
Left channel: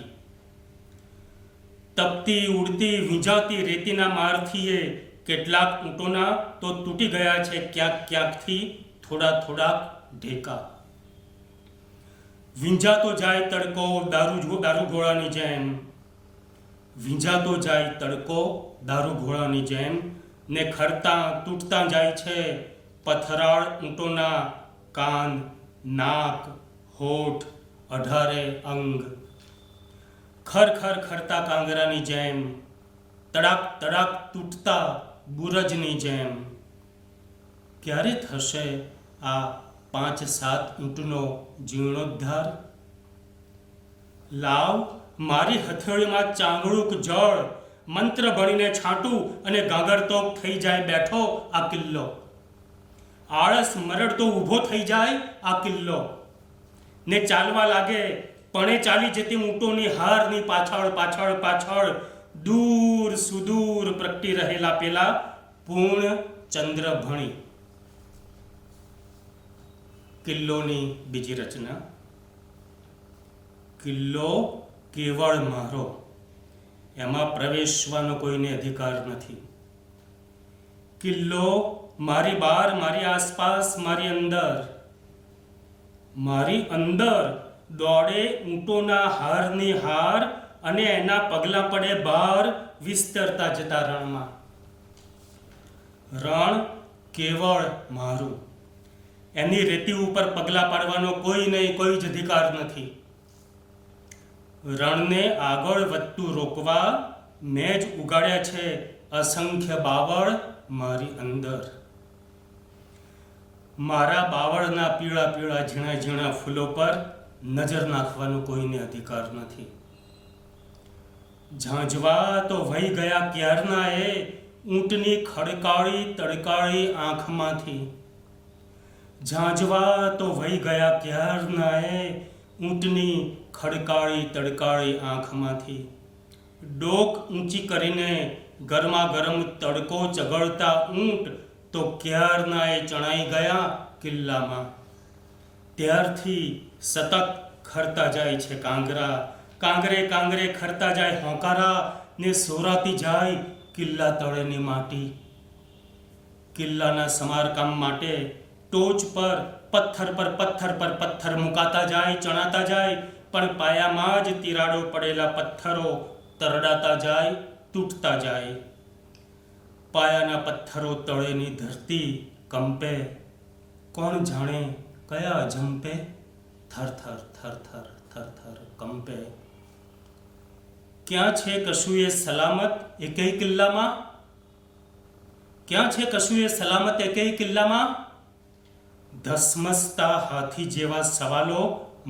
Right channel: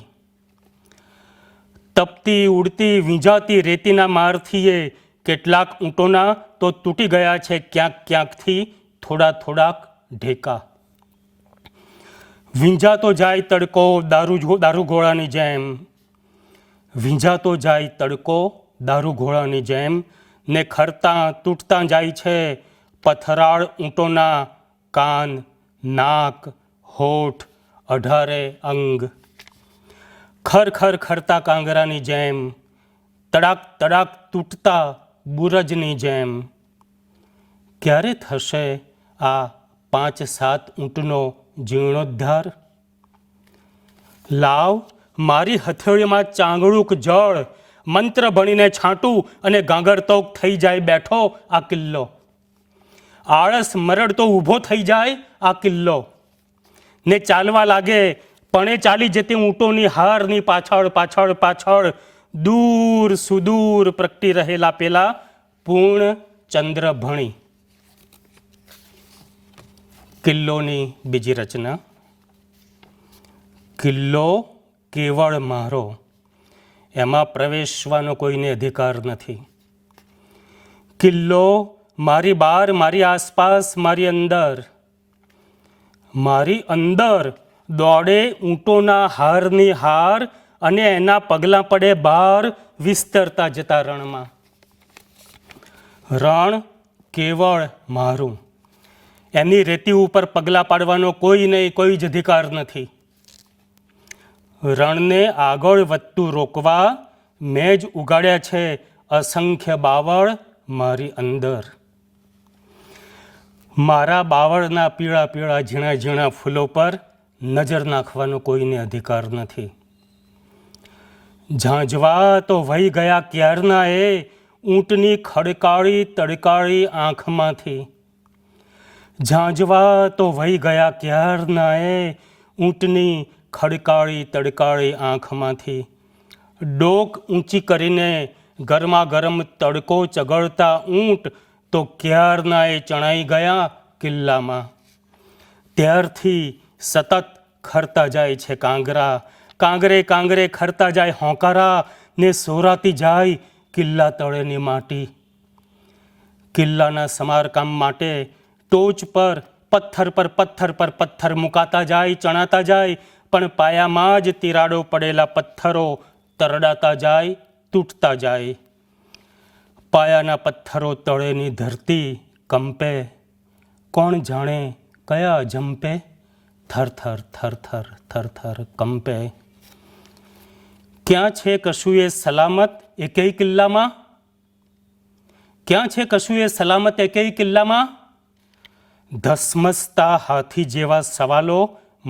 તપતી ઉડતી વીંઝાતી રેતીના મારથી કેટલાક ઊંટોના તો તૂટી ગયા છે ક્યાંક ક્યાંકથી થોડાક ઢેકા. વીંઝાતો જાય તડકો દારૂઘોડાની જેમ, વીંઝાતો જાય તડકો દારૂઘોડાની જેમ, ને ખરતા તૂટતા જાય છે પથરાળ ઊંટોના કાન, નાક, હોઠ, 18 અંગ. ખર ખરતા કાંગરાની જેમ, તડાક તૂટતા બુરજની જેમ. ક્યારે થશે આ 5-7 ઊંટનો જીર્ણોદ્ધાર? લાવ મારી હથેળીમાં ચાંગળુક જળ, મંત્ર ભણીને છાંટું અને ગાંગરતોક થઈ જાય બેઠો આ કિલ્લો. આળસ મરડતો ઊભો થઈ જાય આ કિલ્લો, ને ચાલવા લાગે પણે ચાલી જતી ઊંટોની હારની પાછળ દૂર સુદૂર પ્રગટી રહેલા પેલા પૂર્ણ ચંદ્ર ભણી. કિલ્લોની બીજી રચના. કિલ્લો કેવળ મારો, એમાં પ્રવેશવાનો કોઈને અધિકાર નથી. કિલ્લો મારી બહાર, મારી આસપાસ, મારી અંદર દોડે ઊંટોના હારની હાર, અને એના પગલાં પડે બહાર વિસ્તરતા જતા રણમાં. રણ કેવળ મારું, એની રેતી ઉપર પગલાં પાડવાનો કોઈ નહીં, કોઈ જ અધિકાર નથી. રણને આગળ વધતું રોકવા મેં જ ઉગાડ્યા છે અસંખ્ય બાવળ મારી અંદર. મારા બાવળના પીળા ઝીણા ફૂલો પર નજર નાખવાનો કોઈને અધિકાર નથી. ઝાંઝવા તો વહી ગયા ક્યારના એ ઊંટની ખડકાળી તડકાળી આંખમાંથી. ઝાંઝવા તો વહી ગયા ક્યારના એ ઊંટની ખડકાળી તડકાળી આંખમાંથી. ડોક ઊંચી કરીને ગરમા ગરમ તડકો ચગળતા ઊંટ તો ક્યારના એ ચણાઈ ગયા કિલ્લામાં. ત્યારથી સતત ખરતા જાય છે કાંગરા, કાંગરે કાંગરે ખરતા જાય હોંકારા, ને સોરાતી જાય કિલ્લા તળેની માટી. કિલ્લાના સમારકામ માટે ટોચ પર પથ્થર મુકાતા જાય, ચણાતા જાય, પણ પાયામાં જ તિરાડો પડેલા પથ્થરો તરડાતા જાય, તૂટતા જાય. પાયાના પથ્થરો તળેની ધરતી કંપે, કોણ જાણે કયા જંપે, થરથર થરથર થરથર કંપે. ક્યાં છે કશું એ સલામત એકેય કિલ્લામાં? ક્યાં છે કશું એ સલામત એકેય કિલ્લામાં? ધસમસતા હાથી જેવા સવાલો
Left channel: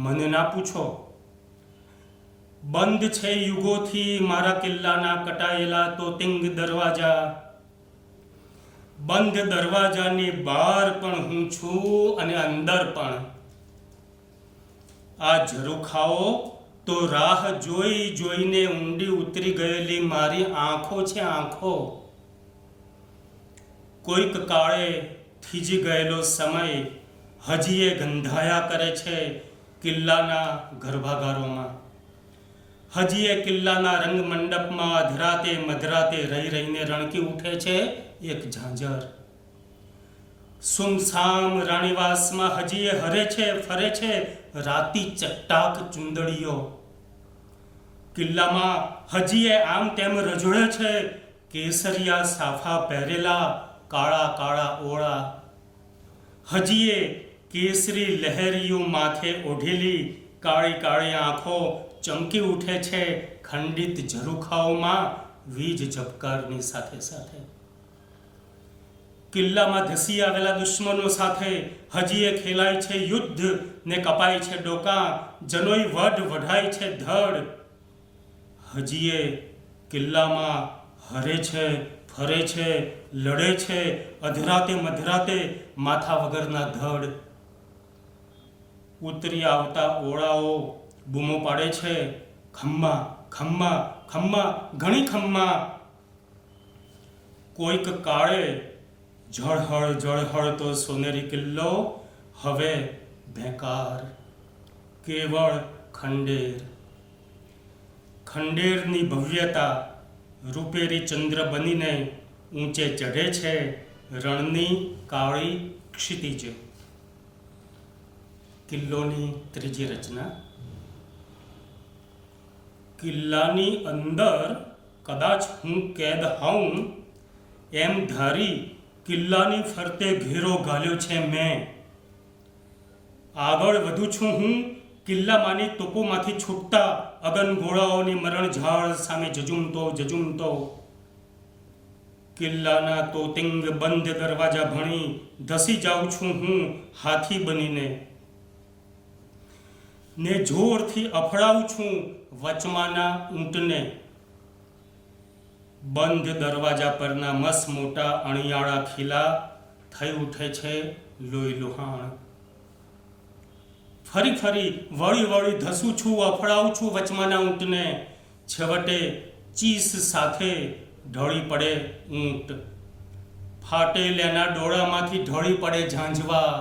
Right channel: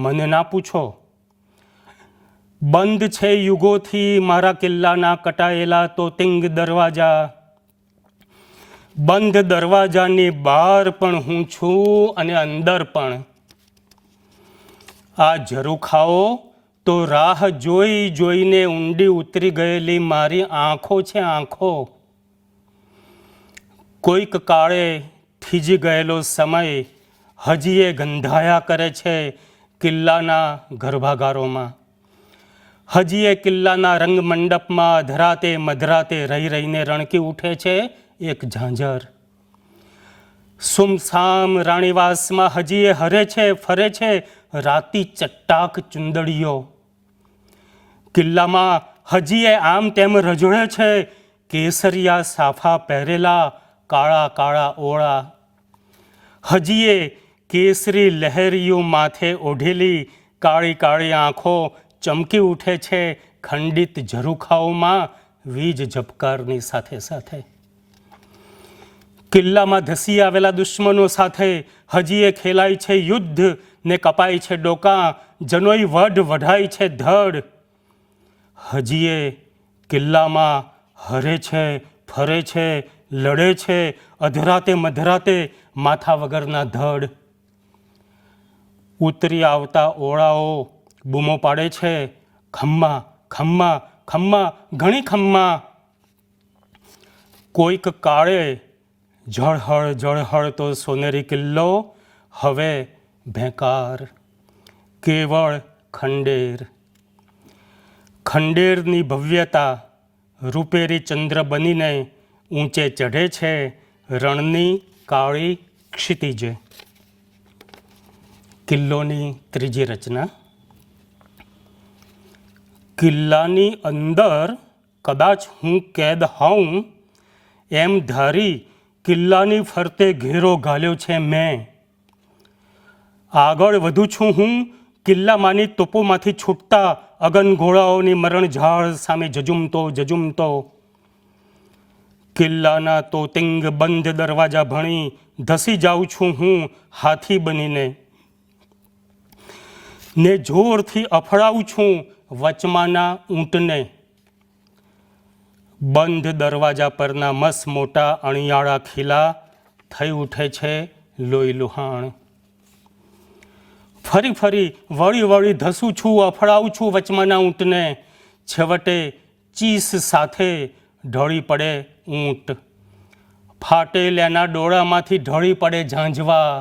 મને ના પૂછો. બંધ છે યુગોથી મારા કિલ્લાના કટાયેલા તોતિંગ દરવાજા. બંધ દરવાજાની બહાર પણ હું છું અને અંદર પણ. આ ઝરૂખાઓ તો રાહ જોઈ જોઈને ઊંડી ઉતરી ગયેલી મારી આંખો છે, આંખો. કોઈક કાળે થીજી ગયેલો સમય હજી એ ગંધાયા કરે છે કિલ્લાના ગર્ભાગારોમાં. હજી એ કિલ્લાના રંગમંડપમાં અધરાતે મધરાતે રહી રહીને રણકી ઉઠે છે એક ઝાંઝર. સુમસામ રાણીવાસમાં હજી એ હરે છે ફરે છે રાતી ચટ્ટાક ચુંદડીઓ. કિલ્લામાં હજી એ આમ તેમ રજોડે છે કેસરિયા સાફા પહેરેલા કાળા કાળા ઓળા. હજી એ કેસરી લહેરિયું માથે ઓઢેલી કાળી કાળી આંખો ચમકી ઉઠે છે ખંડિત ઝરૂખાઓમાં વીજ ઝબકારની સાથે સાથે. કિલ્લામાં ધસી આવેલા દુશ્મનો સાથે હજી એ ખેલાય છે યુદ્ધ, ને કપાય છે ડોકા, જનોઈ વઢ વઢાય છે ધડ. હજી એ કિલ્લામાં હરે છે ફરે છે લડે છે અધરાતે મધરાતે માથા વગરના ધડ. ઉતરી આવતા ઓળાઓ બૂમો પાડે છે ખમ્મા ખમ્મા ખમ્મા ઘણી ખમ્મા. કોઈક કાળે ઝળહળ તો સોનેરી કિલ્લો હવે ભેંકાર, કેવળ ખંડેર. ખંડેરની ભવ્યતા રૂપેરી ચંદ્ર બનીને ઊંચે ચઢે છે રણની કાળી ક્ષિતિજે. કિલ્લોની ત્રીજી રચના. કિલ્લાની અંદર કદાચ હું કેદ હોઉં એમ ધારી કિલ્લાની ફરતે ઘેરો ઘાલ્યો છે મેં. આગળ વધુ છું હું કિલ્લામાંની તોપોમાંથી છૂટતા અગનગોળાઓની મરણઝાળ સામે જજુમતો. કિલ્લાના તોતિંગ બંધ દરવાજા ભણી ધસી જાઉં છું હું હાથી બનીને, ને જોરથી અફડાવું છું વચમાના ઊંટને. બંધ દરવાજા પરના મસ મોટા અણિયાળા ખીલા થઈ ઉઠે છે લોહી લુહાણ. ફરી વળી ધસું છું અફડાવું છું વચમાના ઊંટને. છેવટે ચીસ સાથે ઢળી પડે ઊંટ. ફાટેલાના ડોળામાંથી ઢળી પડે ઝાંઝવા.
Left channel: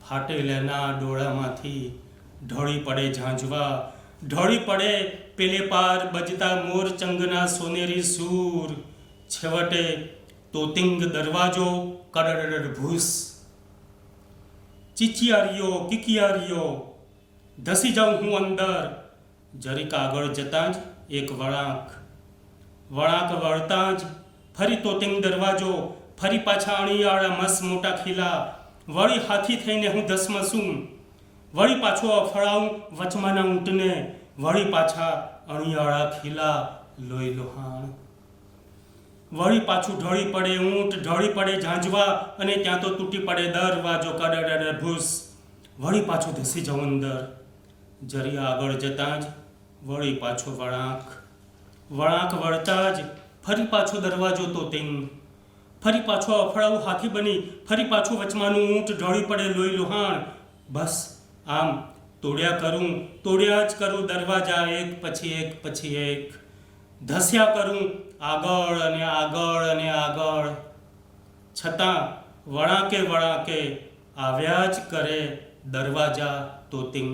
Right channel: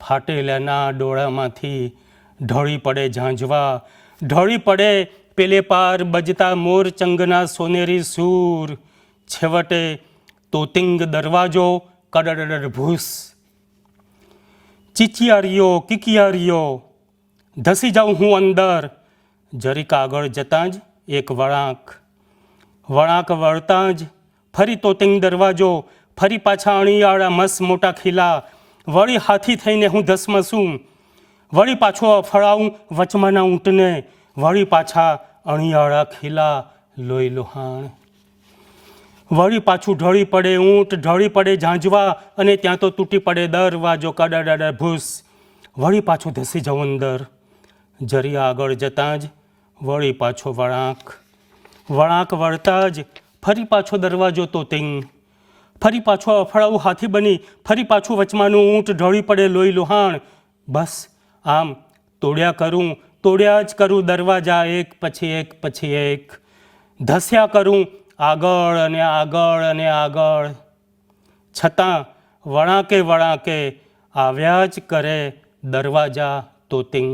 ફાટેલાના ડોળામાંથી ઢળી પડે ઝાંઝવા. ઢળી પડે પેલે પાર બજતા મોરચંગના સોનેરી સૂર. છેવટે તોતિંગ દરવાજો કડડડ ભૂસ. ચીચિયારીઓ કિકિયારીઓ ધસી જાઉં હું અંદર. જરીક આગળ જતાં જ એક વળાંક વળતાં જ ફરી તોતિંગ દરવાજો, ફરી પાછા અણીયાળા મસ મોટા ખીલા. વળી હાથી થઈને હું ધસમસું. વળી પાછો અફળાવું વચમાના ઊંટને. વળી પાછા અણીયાળા ખીલા લોહી લુહાણ. વળી પાછું ઢળી પડે ઊંટ, ઢળી પડે ઝાંઝવા, અને ત્યાં તો તૂટી પડે દરવાજો કડડડ ભૂસ. વળી પાછું ધસી જાઉં અંદર. જરી આગળ જતાં જ વળી પાછો વળાંક વળાંક વળતા જ ફરી પાછો દરવાજો તોતિંગ, ફરી પાછો અફળાવું હાથી બની, ફરી પાછું વચમાનું ઊંટ ઢળી પડે લોહી લુહાણ. બસ આમ તોડ્યા જ કરું દરવાજા એક પછી એક, ધસ્યા કરું આગળ અને આગળ અને આગળ, છતાં વળાંકે આવ્યા જ કરે દરવાજા તોતિંગ,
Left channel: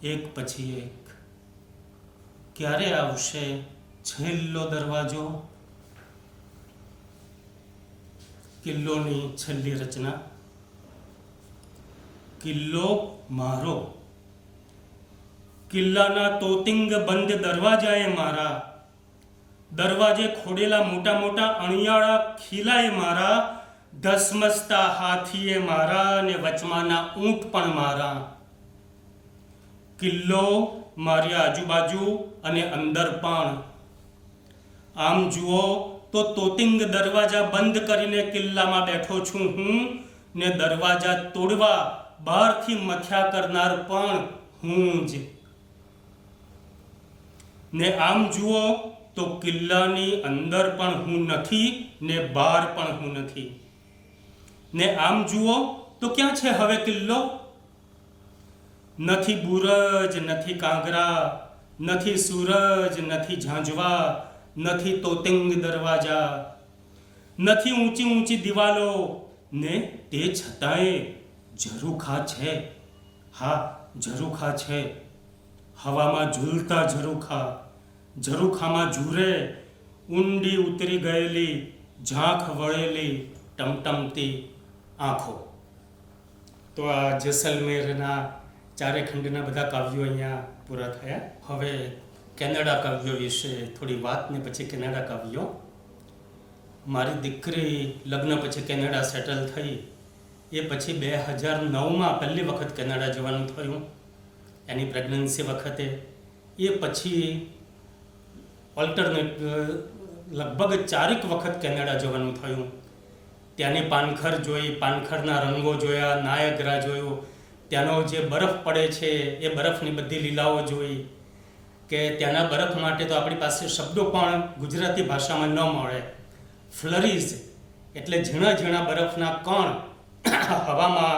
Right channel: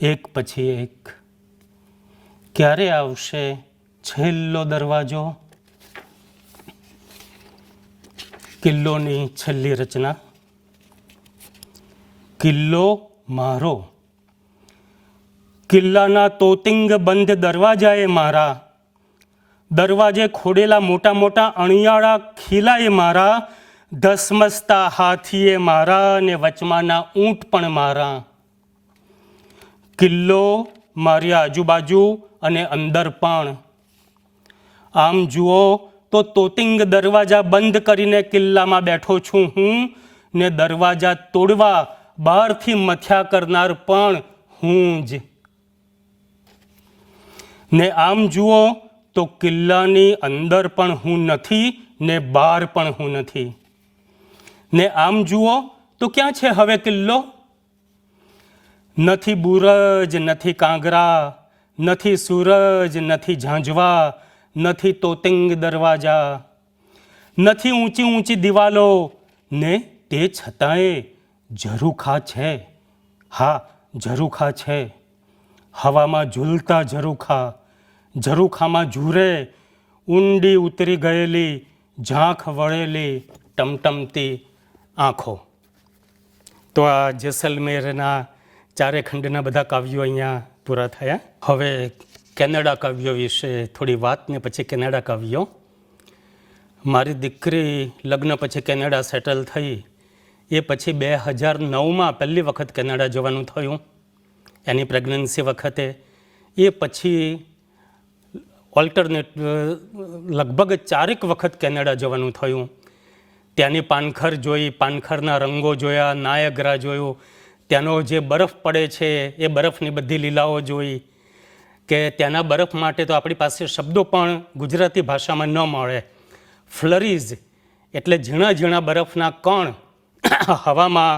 એક પછી એક. ક્યારે આવશે છેલ્લો દરવાજો? કિલ્લોની છેલ્લી રચના. કિલ્લો મારો, કિલ્લાના તોતિંગ બંધ દરવાજાએ મારા, દરવાજે ખોડેલા મોટા મોટા અણિયાળા ખીલાએ મારા, ધસમસતા હાથીએ મારા અને વચમાના ઊંટ પણ મારા. કિલ્લો મારી આજુબાજુ અને અંદર પણ. આમ જુઓ તો તોતિંગ દરવાજા બંધ કરીને કિલ્લામાં બેઠો છું હું, ને દરવાજા તોડવા બહારથી મથ્યા કરનાર પણ હું જ. ને આમ જુઓ તો કિલ્લાની અંદર પણ હું નથી ને બહાર પણ હું નથી. ને આમ જુઓ તો ક્યાં છે હવે કિલ્લો? નથી બુરજ, નથી કાંગરા, નથી સૂરજ, નથી ઝાંઝવા, નથી તોતિંગ દરવાજા, નથી ઊંચી દિવાલો, ને તે છતાંય ઝરૂખા છે. હા, ઝરૂખા છે. હવામાં ઝૂલતા ઝરૂખામાં ઝૂરે ઊંડી ઉતરી ગયેલી ઝાંખ વળેલી ટમટમતી આંખો. તો આ જેસલમેરના ચારે ખંડના બધા કાવ્યો અહીંયા પૂરા થયા. હવે કેનેડા કાવ્યો વિશે થોડી વાત ને પછી કેનેડા કાવ્યો. મારી દીકરી લગ્ન પછી કેનેડા સેટલ થઈ. એ પછી 2009માં પહેલી વખત કેનેડા જવાનું થયું એની પ્રેગ્નન્સી વખતે. એ પછી ઓલ્ટરનેટ લગભગ 4 વખત કેનેડા જવાનું થયું. ત્યાંની પાનખર જોઈ, પાનખરના રંગો જોયા, નાયગ્રા જોયું, ત્યાંનો જે બરફ પડે છે એ બરફની બધી લીલાઓ જોઈ. કે ત્યાંના બરફ માટે તો આપણી પાસે શબ્દો પણ ગુજરાતી ભાષામાં ન મળે. ફ્લરીઝ એટલે ઝીણા ઝીણા બરફના કણ હવામાં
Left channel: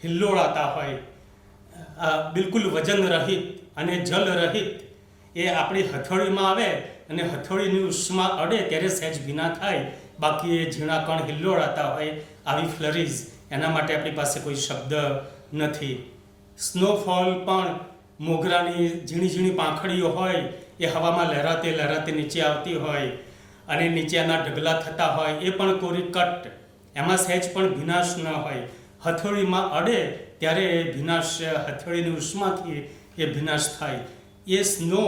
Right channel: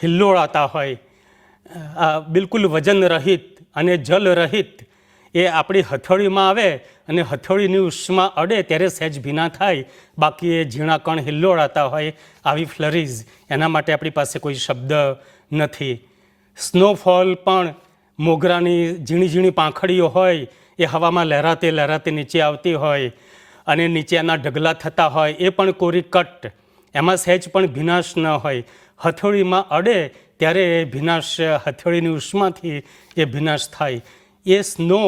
હિલ્લોળાતા હોય, બિલકુલ વજન રહિત અને જલ રહિત. એ આપણી હથોડીમાં આવે અને હથોડીની ઉષ્મા અડે ત્યારે સહેજ ભીના થાય, બાકી એ ઝીણા કણ હિલ્લોળાતા હોય. આવી ફ્લરીઝ, એના માટે આપણી પાસે કોઈ શબ્દ નથી. સ્નોફોલ પણ મોગરાની ઝીણી પાંખડીઓ હોય, એ હવામાં લહેરાતે નીચે આવતી હોય અને નીચે એના ઢગલા થતા હોય, એ પણ કોરી કટ, એમાં સહેજ પણ ભીનાશ ન હોય. હથોડીમાં અડે ત્યારે એ ભીનાશ, હથોડીની ઉષ્માથી એ ભીનાશ થાય. એ સ્નો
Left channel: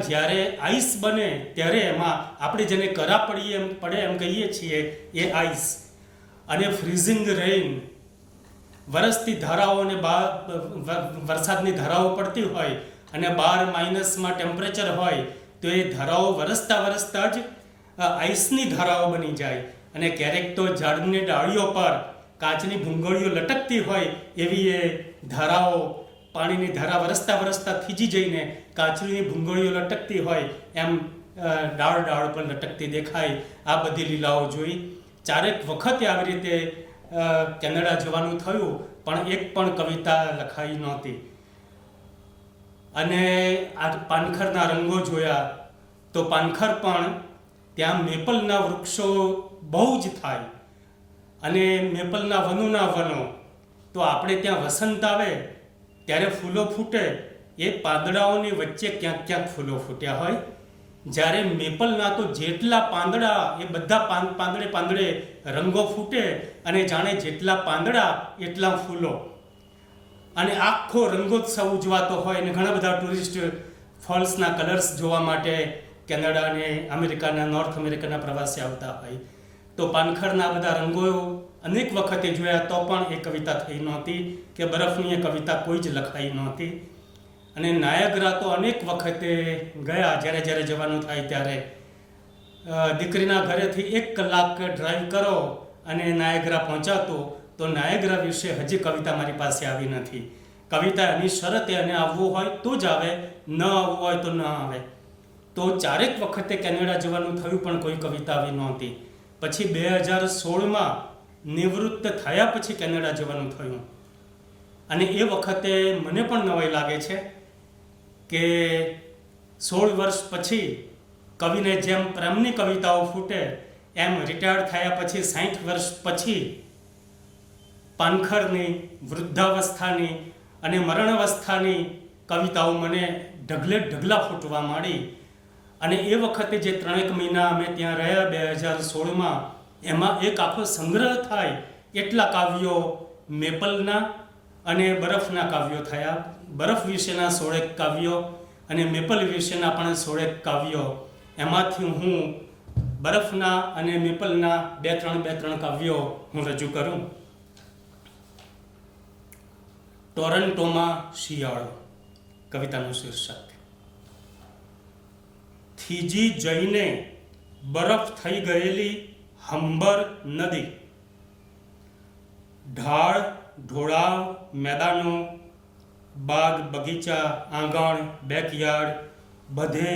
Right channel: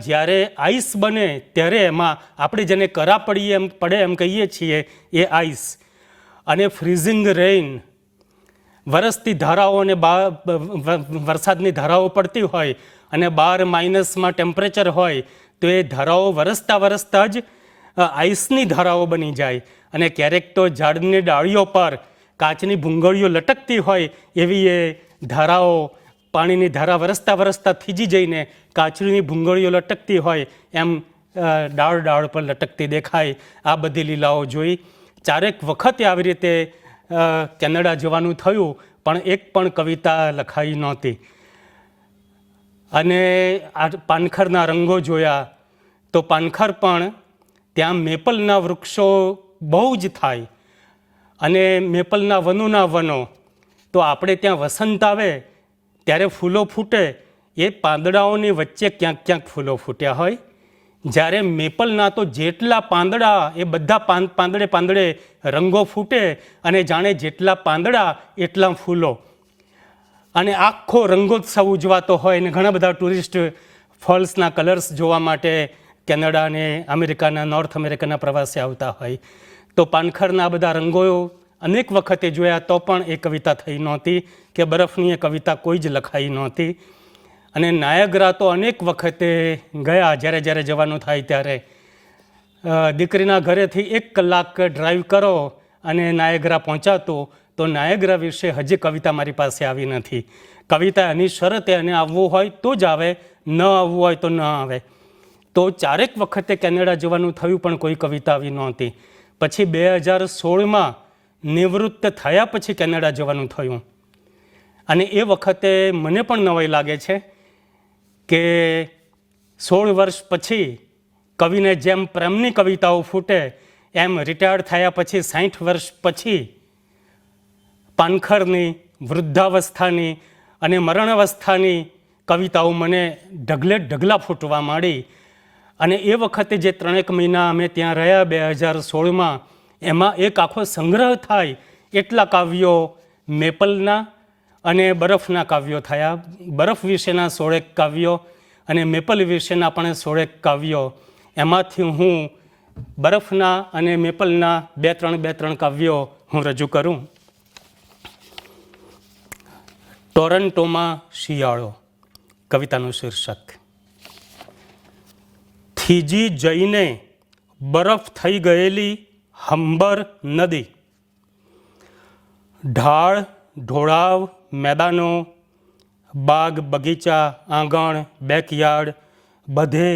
જ્યારે આઈસ બને ત્યારે એમાં આપણે જેને કરા પડે એમ કહીએ છીએ, એ આઈસ. અને ફ્રીઝિંગ રેઇન, વરસતી ધારાઓ અને વરસાદની ધારાઓ પડતી હોય અને 12 - ટેમ્પરેચર હોય, તો એ ધારાઓ વરસતા જ આઈસની ધારાઓ બની જાય. અને ક્યારેક તો ઝાડની ડાળીઓ પર કાચની ભૂંગળીઓ લટકતી હોય, એવી એ ધારાઓ, પાણીની ધારા વરસતા થીજી જઈને કાચની ભૂંગળીઓ લટકતી હોય એમ ડાળ પર લટકતી દેખાય. આ બધી લીલાઓ જોઈ. 4 વખતે આવી રીતે કેનેડા જવાનું થયું, પણ એક પણ કવિતા લખાઈ નહોતી. અને આ પાનખરના રંગો જોયા તો પાનખર પણ ત્યાં મેપલના વૃક્ષો બહુ જ થાય અને મેપલના વનો. તો આપણે ત્યાં વસંત આવે ત્યારે ફૂલો ફૂટે, એ પાંદડાઓની વચ્ચે ક્યાંક ફૂલો ફૂટ્યા હોય. જ્યારે મેપલના તો જેટલા પાંદડા, એ બધા પાંદડે રંગો ફૂટે અને જાણે જેટલા પાંદડા એટલા ફૂલો. અને આખો રંગોત્સવ ઉજવાતો હોય. અને ઘણા બધા ટુરિસ્ટ ફોલ્સના કલર્સ જોવા માટે કેનેડા અને અમેરિકાના, નોર્થ અમેરિકાના પ્રવાસે આવતા હોય. તો પાનખરના બધા રંગો અનેક વખતે જોયા, તો પણ એ કવિતા થઈ નહોતી, કે બરફની એ કવિતા કોઈ જ લખાઈ નહોતી. અને નાયગ્રા તો અનેક વખતે ગયા, જ્યારે જવાનું થાય ત્યારે. દીકરીના ઘરેથી 1 કલાક ડ્રાઈવ કરો અને નાયગ્રા પહોંચાતો, તો નાયગ્રા વિશે હજી કવિતા મારી પાસે આવી નથી. કવિતા એની શરતે એને આવવું હોય તો જ આવે, ન આવવું હોય તો ન આવે. તો ચારેક વખતે કેનેડા જવાનું થયું પણ કોઈ કવિતા આવી નહોતી. પછી 2016માં નિવૃત્ત થયા પછી કેનેડા જવાનું થયું. અને એ વખતે મને પણ નવાઈ લાગે છે કે 16 વર્ષ પછી કવિને જેમ પ્રેમની કવિતાઓ ફૂટે એમ રિટાયર્ડ થયા પછી 60 વર્ષ પછી પાનખરની, વૃદ્ધાવસ્થાની અને મરણાવસ્થાની કવિતાઓ મને ઢગલા ફૂટવા માંડી. અને એ વખતે જે 3 મહિના અમે ત્યાં રહ્યા 2016માં, એમાં એક આખો સંગ્રહ થાય એટલા કાવ્યો મેપલના અને બરફના કાવ્યો થયા. બરફ વિશેના 16 કાવ્યો અને મેપલ વિશેના પણ 16 કાવ્યો. એમાંથી હું બરફના અને મેપલના 2-3 કાવ્યો હું રજૂ કરું. ટોરન્ટોમાં શિયાળો કવિતાનું શીર્ષક. થીજી જઈને બરફ થઈ ગયેલી હંબર નદી, ઢાળ ઢોળાવ મેદાનો, બાગ બગીચા, આંગણ, બેકયાર્ડ, બધે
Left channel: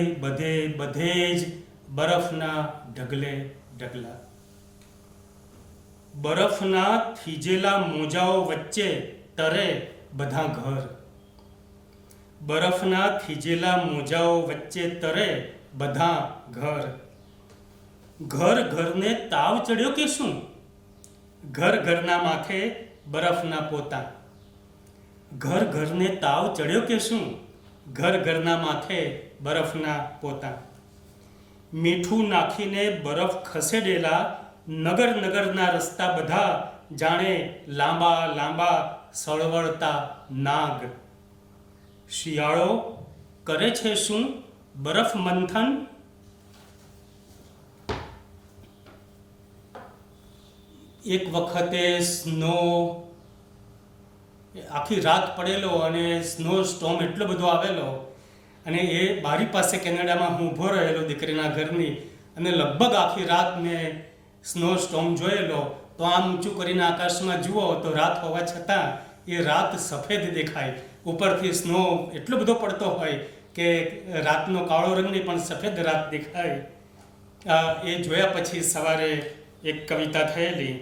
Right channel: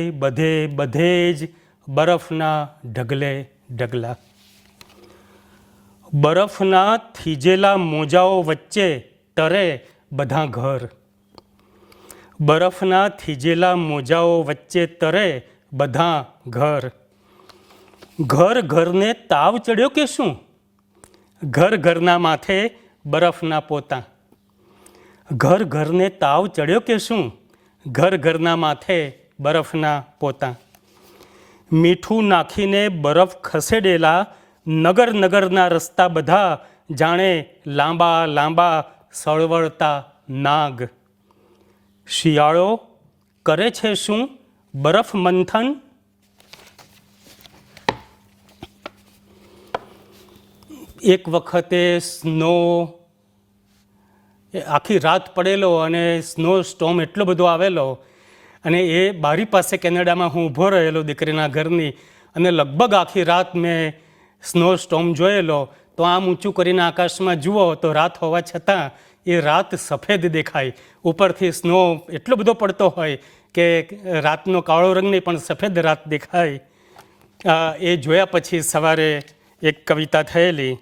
જ બરફના ઢગલા. બરફના થીજેલા મોજાઓ વચ્ચે તરે બધા ઘર. બરફના થીજેલા મોજાઓ વચ્ચે તરે બધા ઘર. ઘરને તાવ ચડ્યો કે શું? ઘરના માથે બરફના પોતા. ઘરને તાવ ચડ્યો કે શું? ઘરના માથે બરફના પોતા. મીઠું નાખીને બરફ ખસેડેલા નગરના રસ્તા બધા જાણે લાંબા સળવળતા નાગ. શિયાળો કરે છે શું? બરફ મંથન. એક વખતે સ્નો આખી રાત પડેલો અને સ્નો સ્ટોર્મ એટલો બધો આવેલો, અને એ બારી પાસે કેનેડામાં હું ઊભો રહેલો દીકરીના ઘરની, અને લગભગ આખી રાત મેં સ્નો સ્ટોર્મ જોયેલો. તો આમ ઊંચું કરીને આકાશમાં જુઓ તો રાત હોવા છતાં એ રાત સફેદ દેખાય. ઉપરથી સ્નો એટલો બધો પડતો હોય કે રાતનો કાળો રંગ નહીં પણ સફેદ રાત દેખાય. એ જોયા પછી સવારે એક કવિતા થયેલી.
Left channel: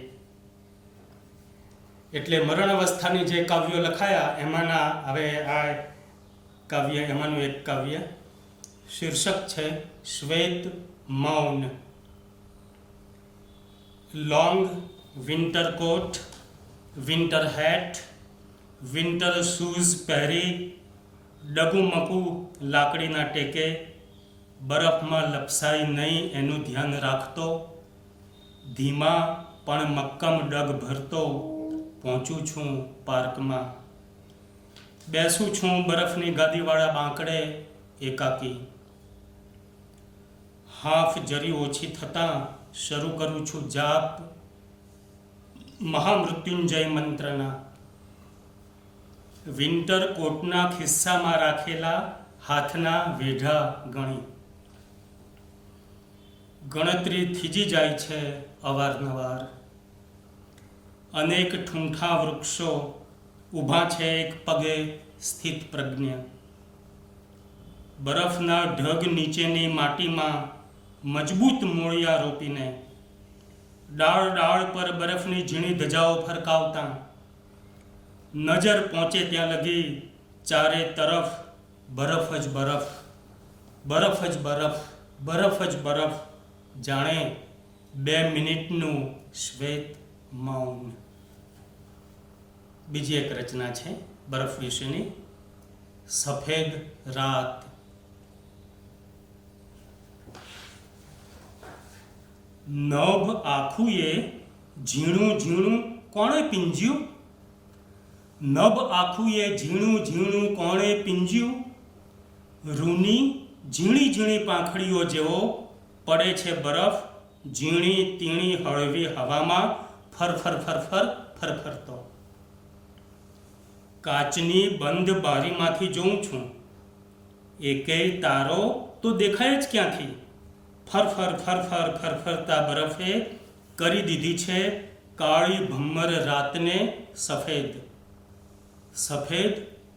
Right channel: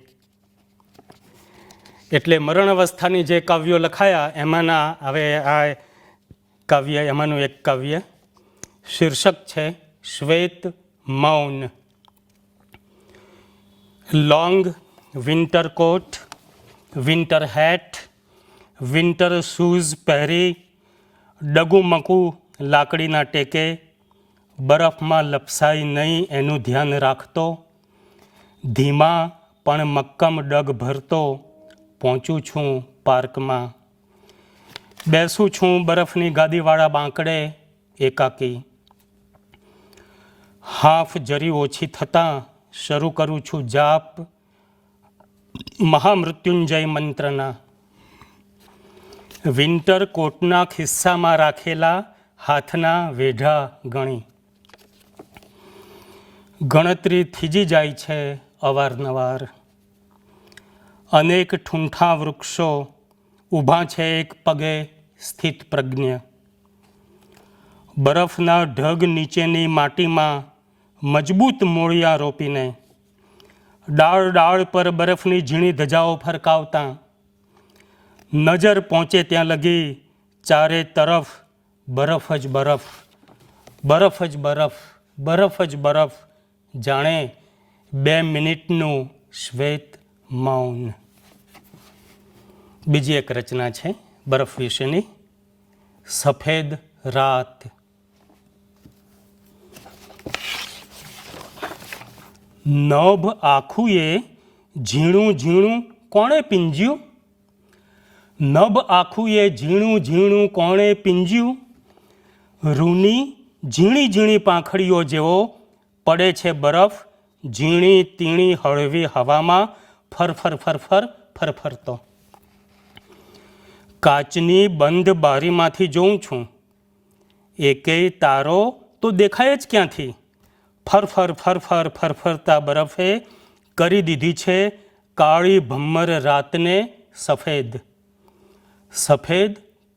એટલે મરણ અવસ્થાની જે કાવ્યો લખાયા એમાંના હવે આ કાવ્ય, એમાંનું એક કાવ્ય. શીર્ષક છે શ્વેત મૌન. લોંગ વિન્ટર કોટ, વિન્ટર હેટ, વિન્ટર શૂઝ પહેરી, ડગુમકુ લાકડીના ટેકે, બરફમાં લપસાઈ નહીં એનું ધ્યાન રાખતો, ધીમા પણ મક્કમ ડગ ભરતો પહોંચું છું પાર્કમાં. બેસું છું બરફની ગાદીવાળા બાંકડે એકાકી. હાફ જરી ઓછી થતાં શરૂ કરું છું જાપ મહામૃત્યુંજય મંત્રના. વિન્ટર કોટના ખિસ્સામાં રાખેલા હાથના વેઢા ગણી. ગણતરી થીજી જાય છે અવારનવાર. અનેક ઠૂંઠા વૃક્ષો ઊભા છે એક પગે સ્થિત પ્રજ્ઞ. બરફના ઢગ નીચેની માટીમાં મજબૂત મૂળિયા રોપીને, ડાળ પર બરફની ઝીણી ધજાઓ ફરકાવતા, નજર પહોંચે ત્યાં લગી ચારે તરફ બરફ જ બરફ, બરફ જ બરફ, બરફ જ બરફ. જાણે 2 મિનિટનું શ્વેત મૌન. બીજી એક રચના છે બરફ વિશેની. સફેદ રાત. નભ આખુએ ઝીણું કોણે પીંજ્યું? નભ આખુએ ઝીણું કોણે પીંજ્યું? રૂની ઝીણી પાંખડીઓ જેવો પડે છે બરફ, ઝીણી તીણી હળવી હવામાં ફરફરતો. કાચની બંધ બારીમાંથી જોઉં છું, એકેય તારો તો દેખાય જ ક્યાંથી? ફરફરતા બરફે કરી દીધી છે કાળી ભમ્મર રાતને સફેદ.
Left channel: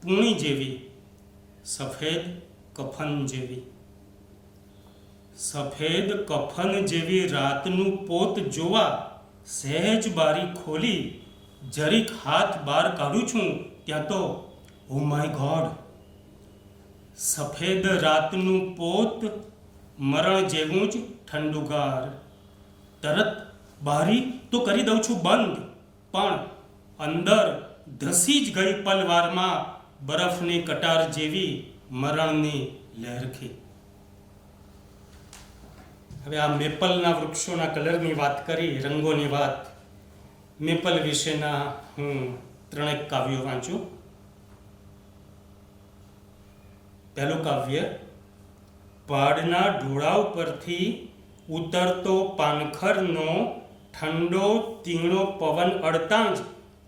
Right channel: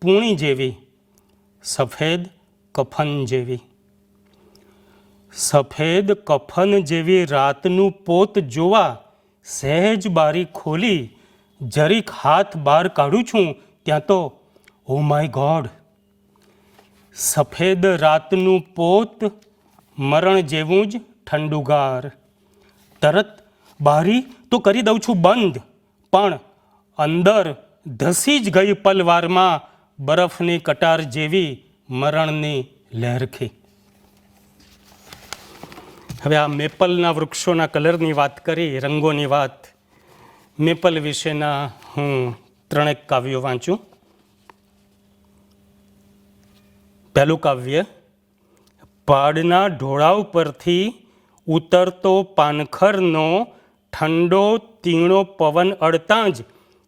પૂણી જેવી, સફેદ કફન જેવી. સફેદ કફન જેવી રાતનું પોત જોવા સહેજ બારી ખોલી જરીક હાથ બહાર કાઢું છું ત્યાં તો ઓ માય ગોડ, સફેદ રાતનું પોત મરણ જેવું જ ઠંડુગાર. તરત બારી તો કરી દઉં છું બંધ, પણ અંદર ધસી જ ગઈ પલવારમાં બરફની કટાર જેવી મરણની લહેરખી. હવે આ મેપલના વૃક્ષોના કલરની વાત કરી, રંગોની વાત. મેપલ વિશેના હું 3 કાવ્યો વાંચું. પહેલું કાવ્ય, પહાડના ઢોળાવ પરથી ઉતરતો પાનખરનો ઠંડો તીણો પવન અડતાં જ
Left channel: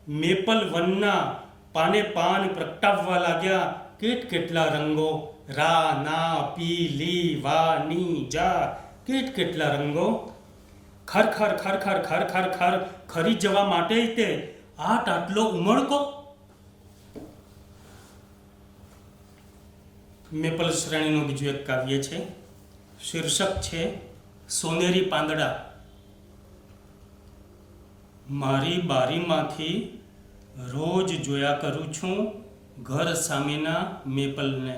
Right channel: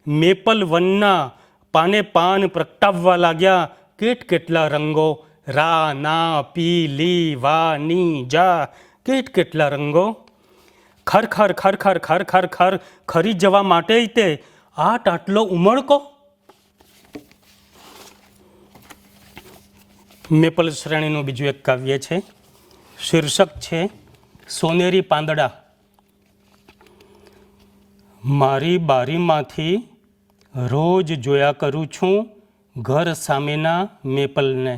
મેપલ વનના પાને પાન પ્રગટાવવા લાગ્યા કેટલા રંગો. રા, ના, પી, લી, વા, ની, જા, કેટલા રંગો. ખરખર ખરખર ખરખર ખર ખરી જવા માટે તે આટલો ઉમળકો. મેપલ શ્રેણીનું બીજું એક કાવ્ય છે. શીર્ષક છે સોનેરી પાંદડા. મારી બારીમાંથી રોજ જોયા કરું છું ઘર સામેના મેપલને.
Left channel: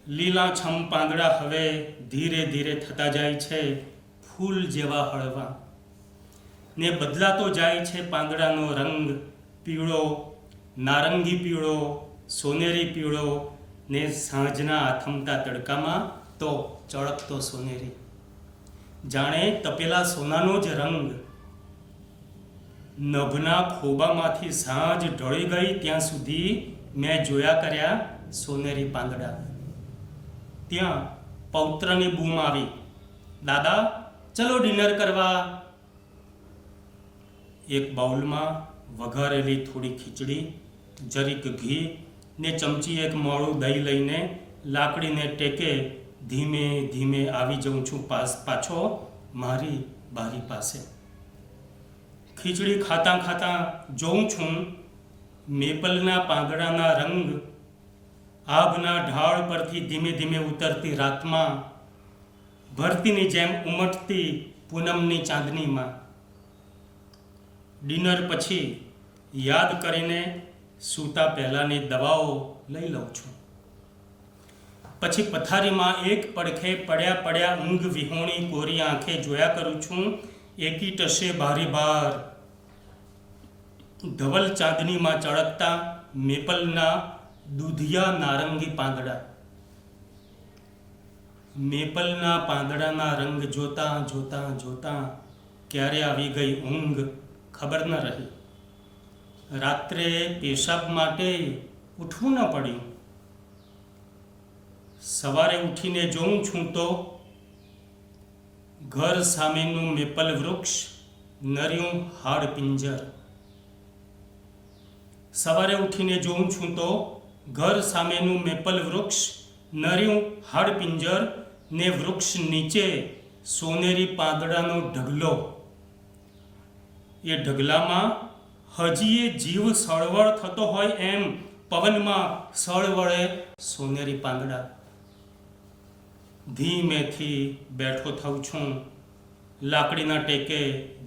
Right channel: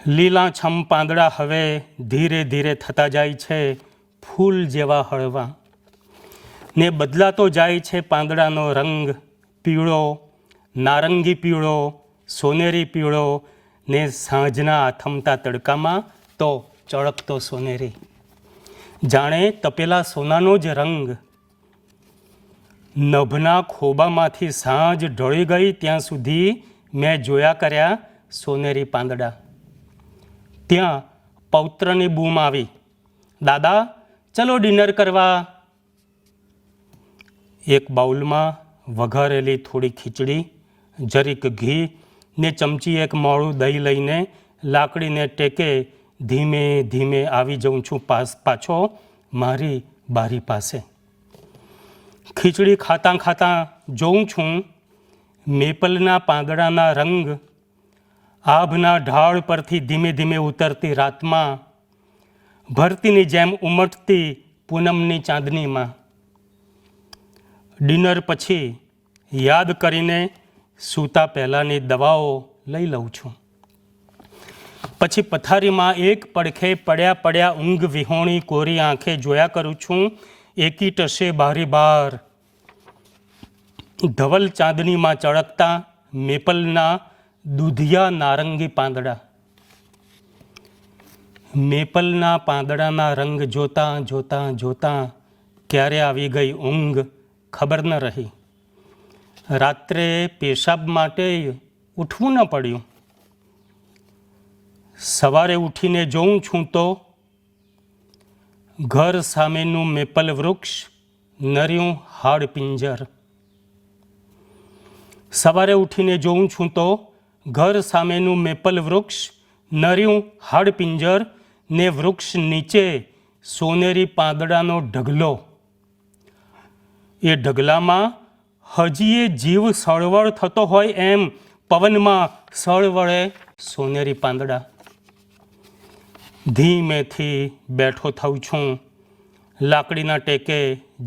લીલાછમ પાંદડા હવે ધીરે ધીરે થતા જાય છે ફૂલ જેવા હળવા, ને બદલાતો જાય છે પાંદડાનો રંગ. પીળો, નારંગી પીળો, સોનેરી પીળો, ને સાંજના આથમતા તડકામાં તો ચળકતો સોનેરી. જાણે તપેલા સોનાનો જ રંગ. નભના ખોબામાંથી સાંજ ઢળી ગઈ ત્યાં સુધી મેં જોયા કર્યા સોનેરી પાંદડા. ત્યાં પૌત્રની બૂમ આવી, દાદા ચલો ડિનર કરવા. એક બાઉલમાં વઘારેલી થોડી ખીચડી, જરીક ઘી ને ચમચી એક મોળું દહીં લઈને લાકડીને ટેકે ધીમે ધીમે આવી જાઉં છું પાછો મારી બારી પાસે. ખીચડી ખાતાં ખાતાં જોઉં છું મેપલના પાંદડાના રંગ આભના ઢાળ પરથી ધીમે ધીમે ઉતરતી રાતમાં, ભરતીની જેમ ઉમટતી પૂનમની ચાંદનીમાં. ડિનર પછી યાદ કરીને સૂતા પહેલાંની દવાઓ લઈ લઉં છું. પછી પથારીમાં એક પડખે પડ્યા ઊંઘ વિહોણી કોરી આંખે જોયા કરું છું એકી ટશે બારી બાર ધવલ ચાંદનીમાં ચળકતા મેપલના દૂધિયા નારંગી પાંદડા. મેપલના પાંદડાના રંગ જોતાં જોતાં જોતાં ક્યારે આવી ગઈ ઊંઘ ખબર ન રહી. રાત્રે પેશાબ માટે ઉઠવું ન પડ્યું. સવારે ઉઠીને જોઉં છું તો ઘર સામેનું મેપલ વૃક્ષ નર્યું હાડપિંજર. સવારે ઉઠીને જોઉં છું તો ઘર સામેનું મેપલ વૃક્ષ નર્યું હાડપિંજર, ને વૃક્ષ નીચે સોનેરી પાંદડાનો ઢગલો. એ ઢગલામાં હજીએ જીવ સળવળ થતો હોય એમ પવનમાં સળવળે સોનેરી પાંદડા. ધીમેથી બેઠો થઉં છું, લાકડીના ટેકે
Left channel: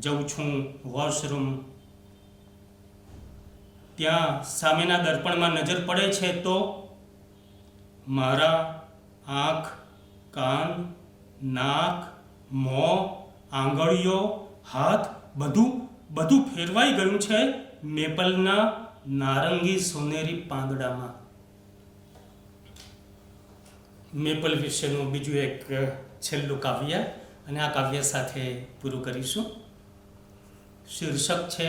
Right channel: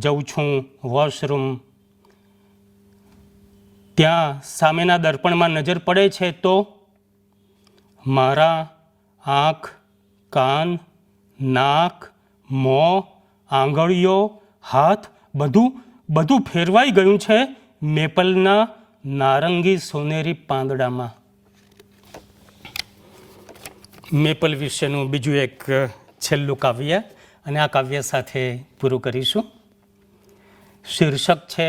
જઉં છું વોશરૂમ. ત્યાં સામેના દર્પણમાં નજર પડે છે તો મારા આંખ, કાન, નાક, મોં, આંગળીઓ, હાથ બધું ફેરવાઈ ગયું છે મેપલના નારંગી સોનેરી પાંદડામાં. મેપલ વિશેનું બીજું એક છેલ્લું કાવ્ય, અને આ કાવ્ય સાથે પૂરું કરીશું. શીર્ષક છે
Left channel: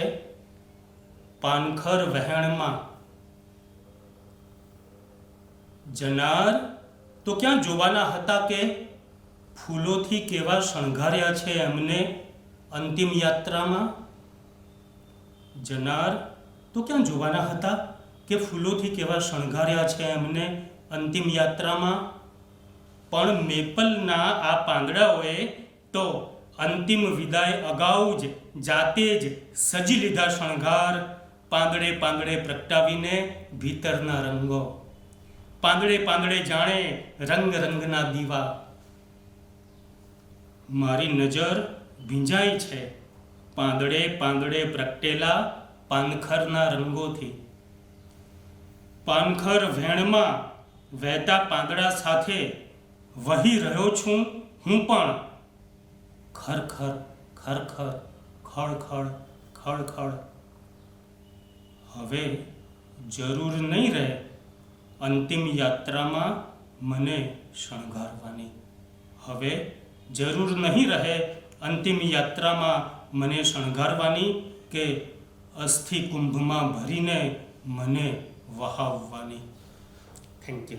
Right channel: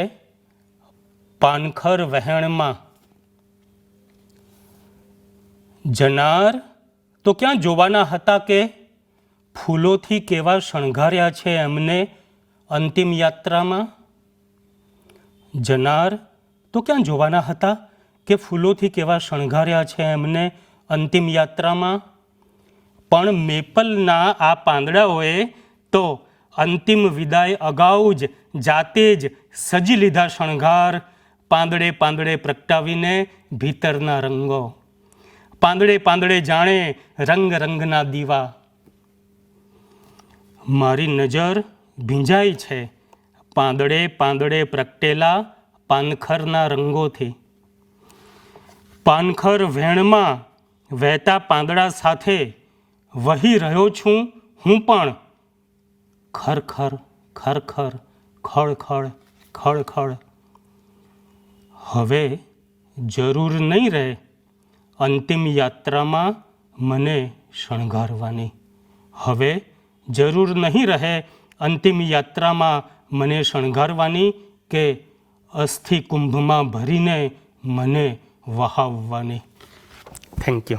પાનખર વહેણમાં. જનાર તો ક્યાં જોવાના હતા કે ફૂલોથી કેવા શણગાર્યા છે એમને અંતિમ યાત્રામાં. જનાર તો ક્યાં જોવાના હતા કે ફૂલોથી કેવા શણગાર્યા છે એમને અંતિમ યાત્રામાં. પણ મેપલના આ પાંદડાઓએ તો અંતિમ વિદાય અગાઉ જ જાતે જ સજી લીધા શણગાર. પાંદડે પાંદડે પ્રગટાવીને ભીતરના રંગો, પાંદડે પાંદડે જાણે રંગ રંગના દીવા. મારી નજર ભીંજાઈ છે પાંદડે પાંદડે પ્રગટેલા પાનખરના રંગોથી. પાનખર વેણમાં વહેતા પાંદડા સાથે વહી રહ્યો છું હું પણ. ખરખર ખરખર ખળખળ ખળખળ. હવે જરૂર નહીં રહે અંતિમ યાત્રામાં મને શણગારવાની. હવે જરૂર નહીં રહે અંતિમ યાત્રામાં મને શણગારવાની કે અસ્થિ કુંભમાં ભરીને મને વહાવવાની. Thank you.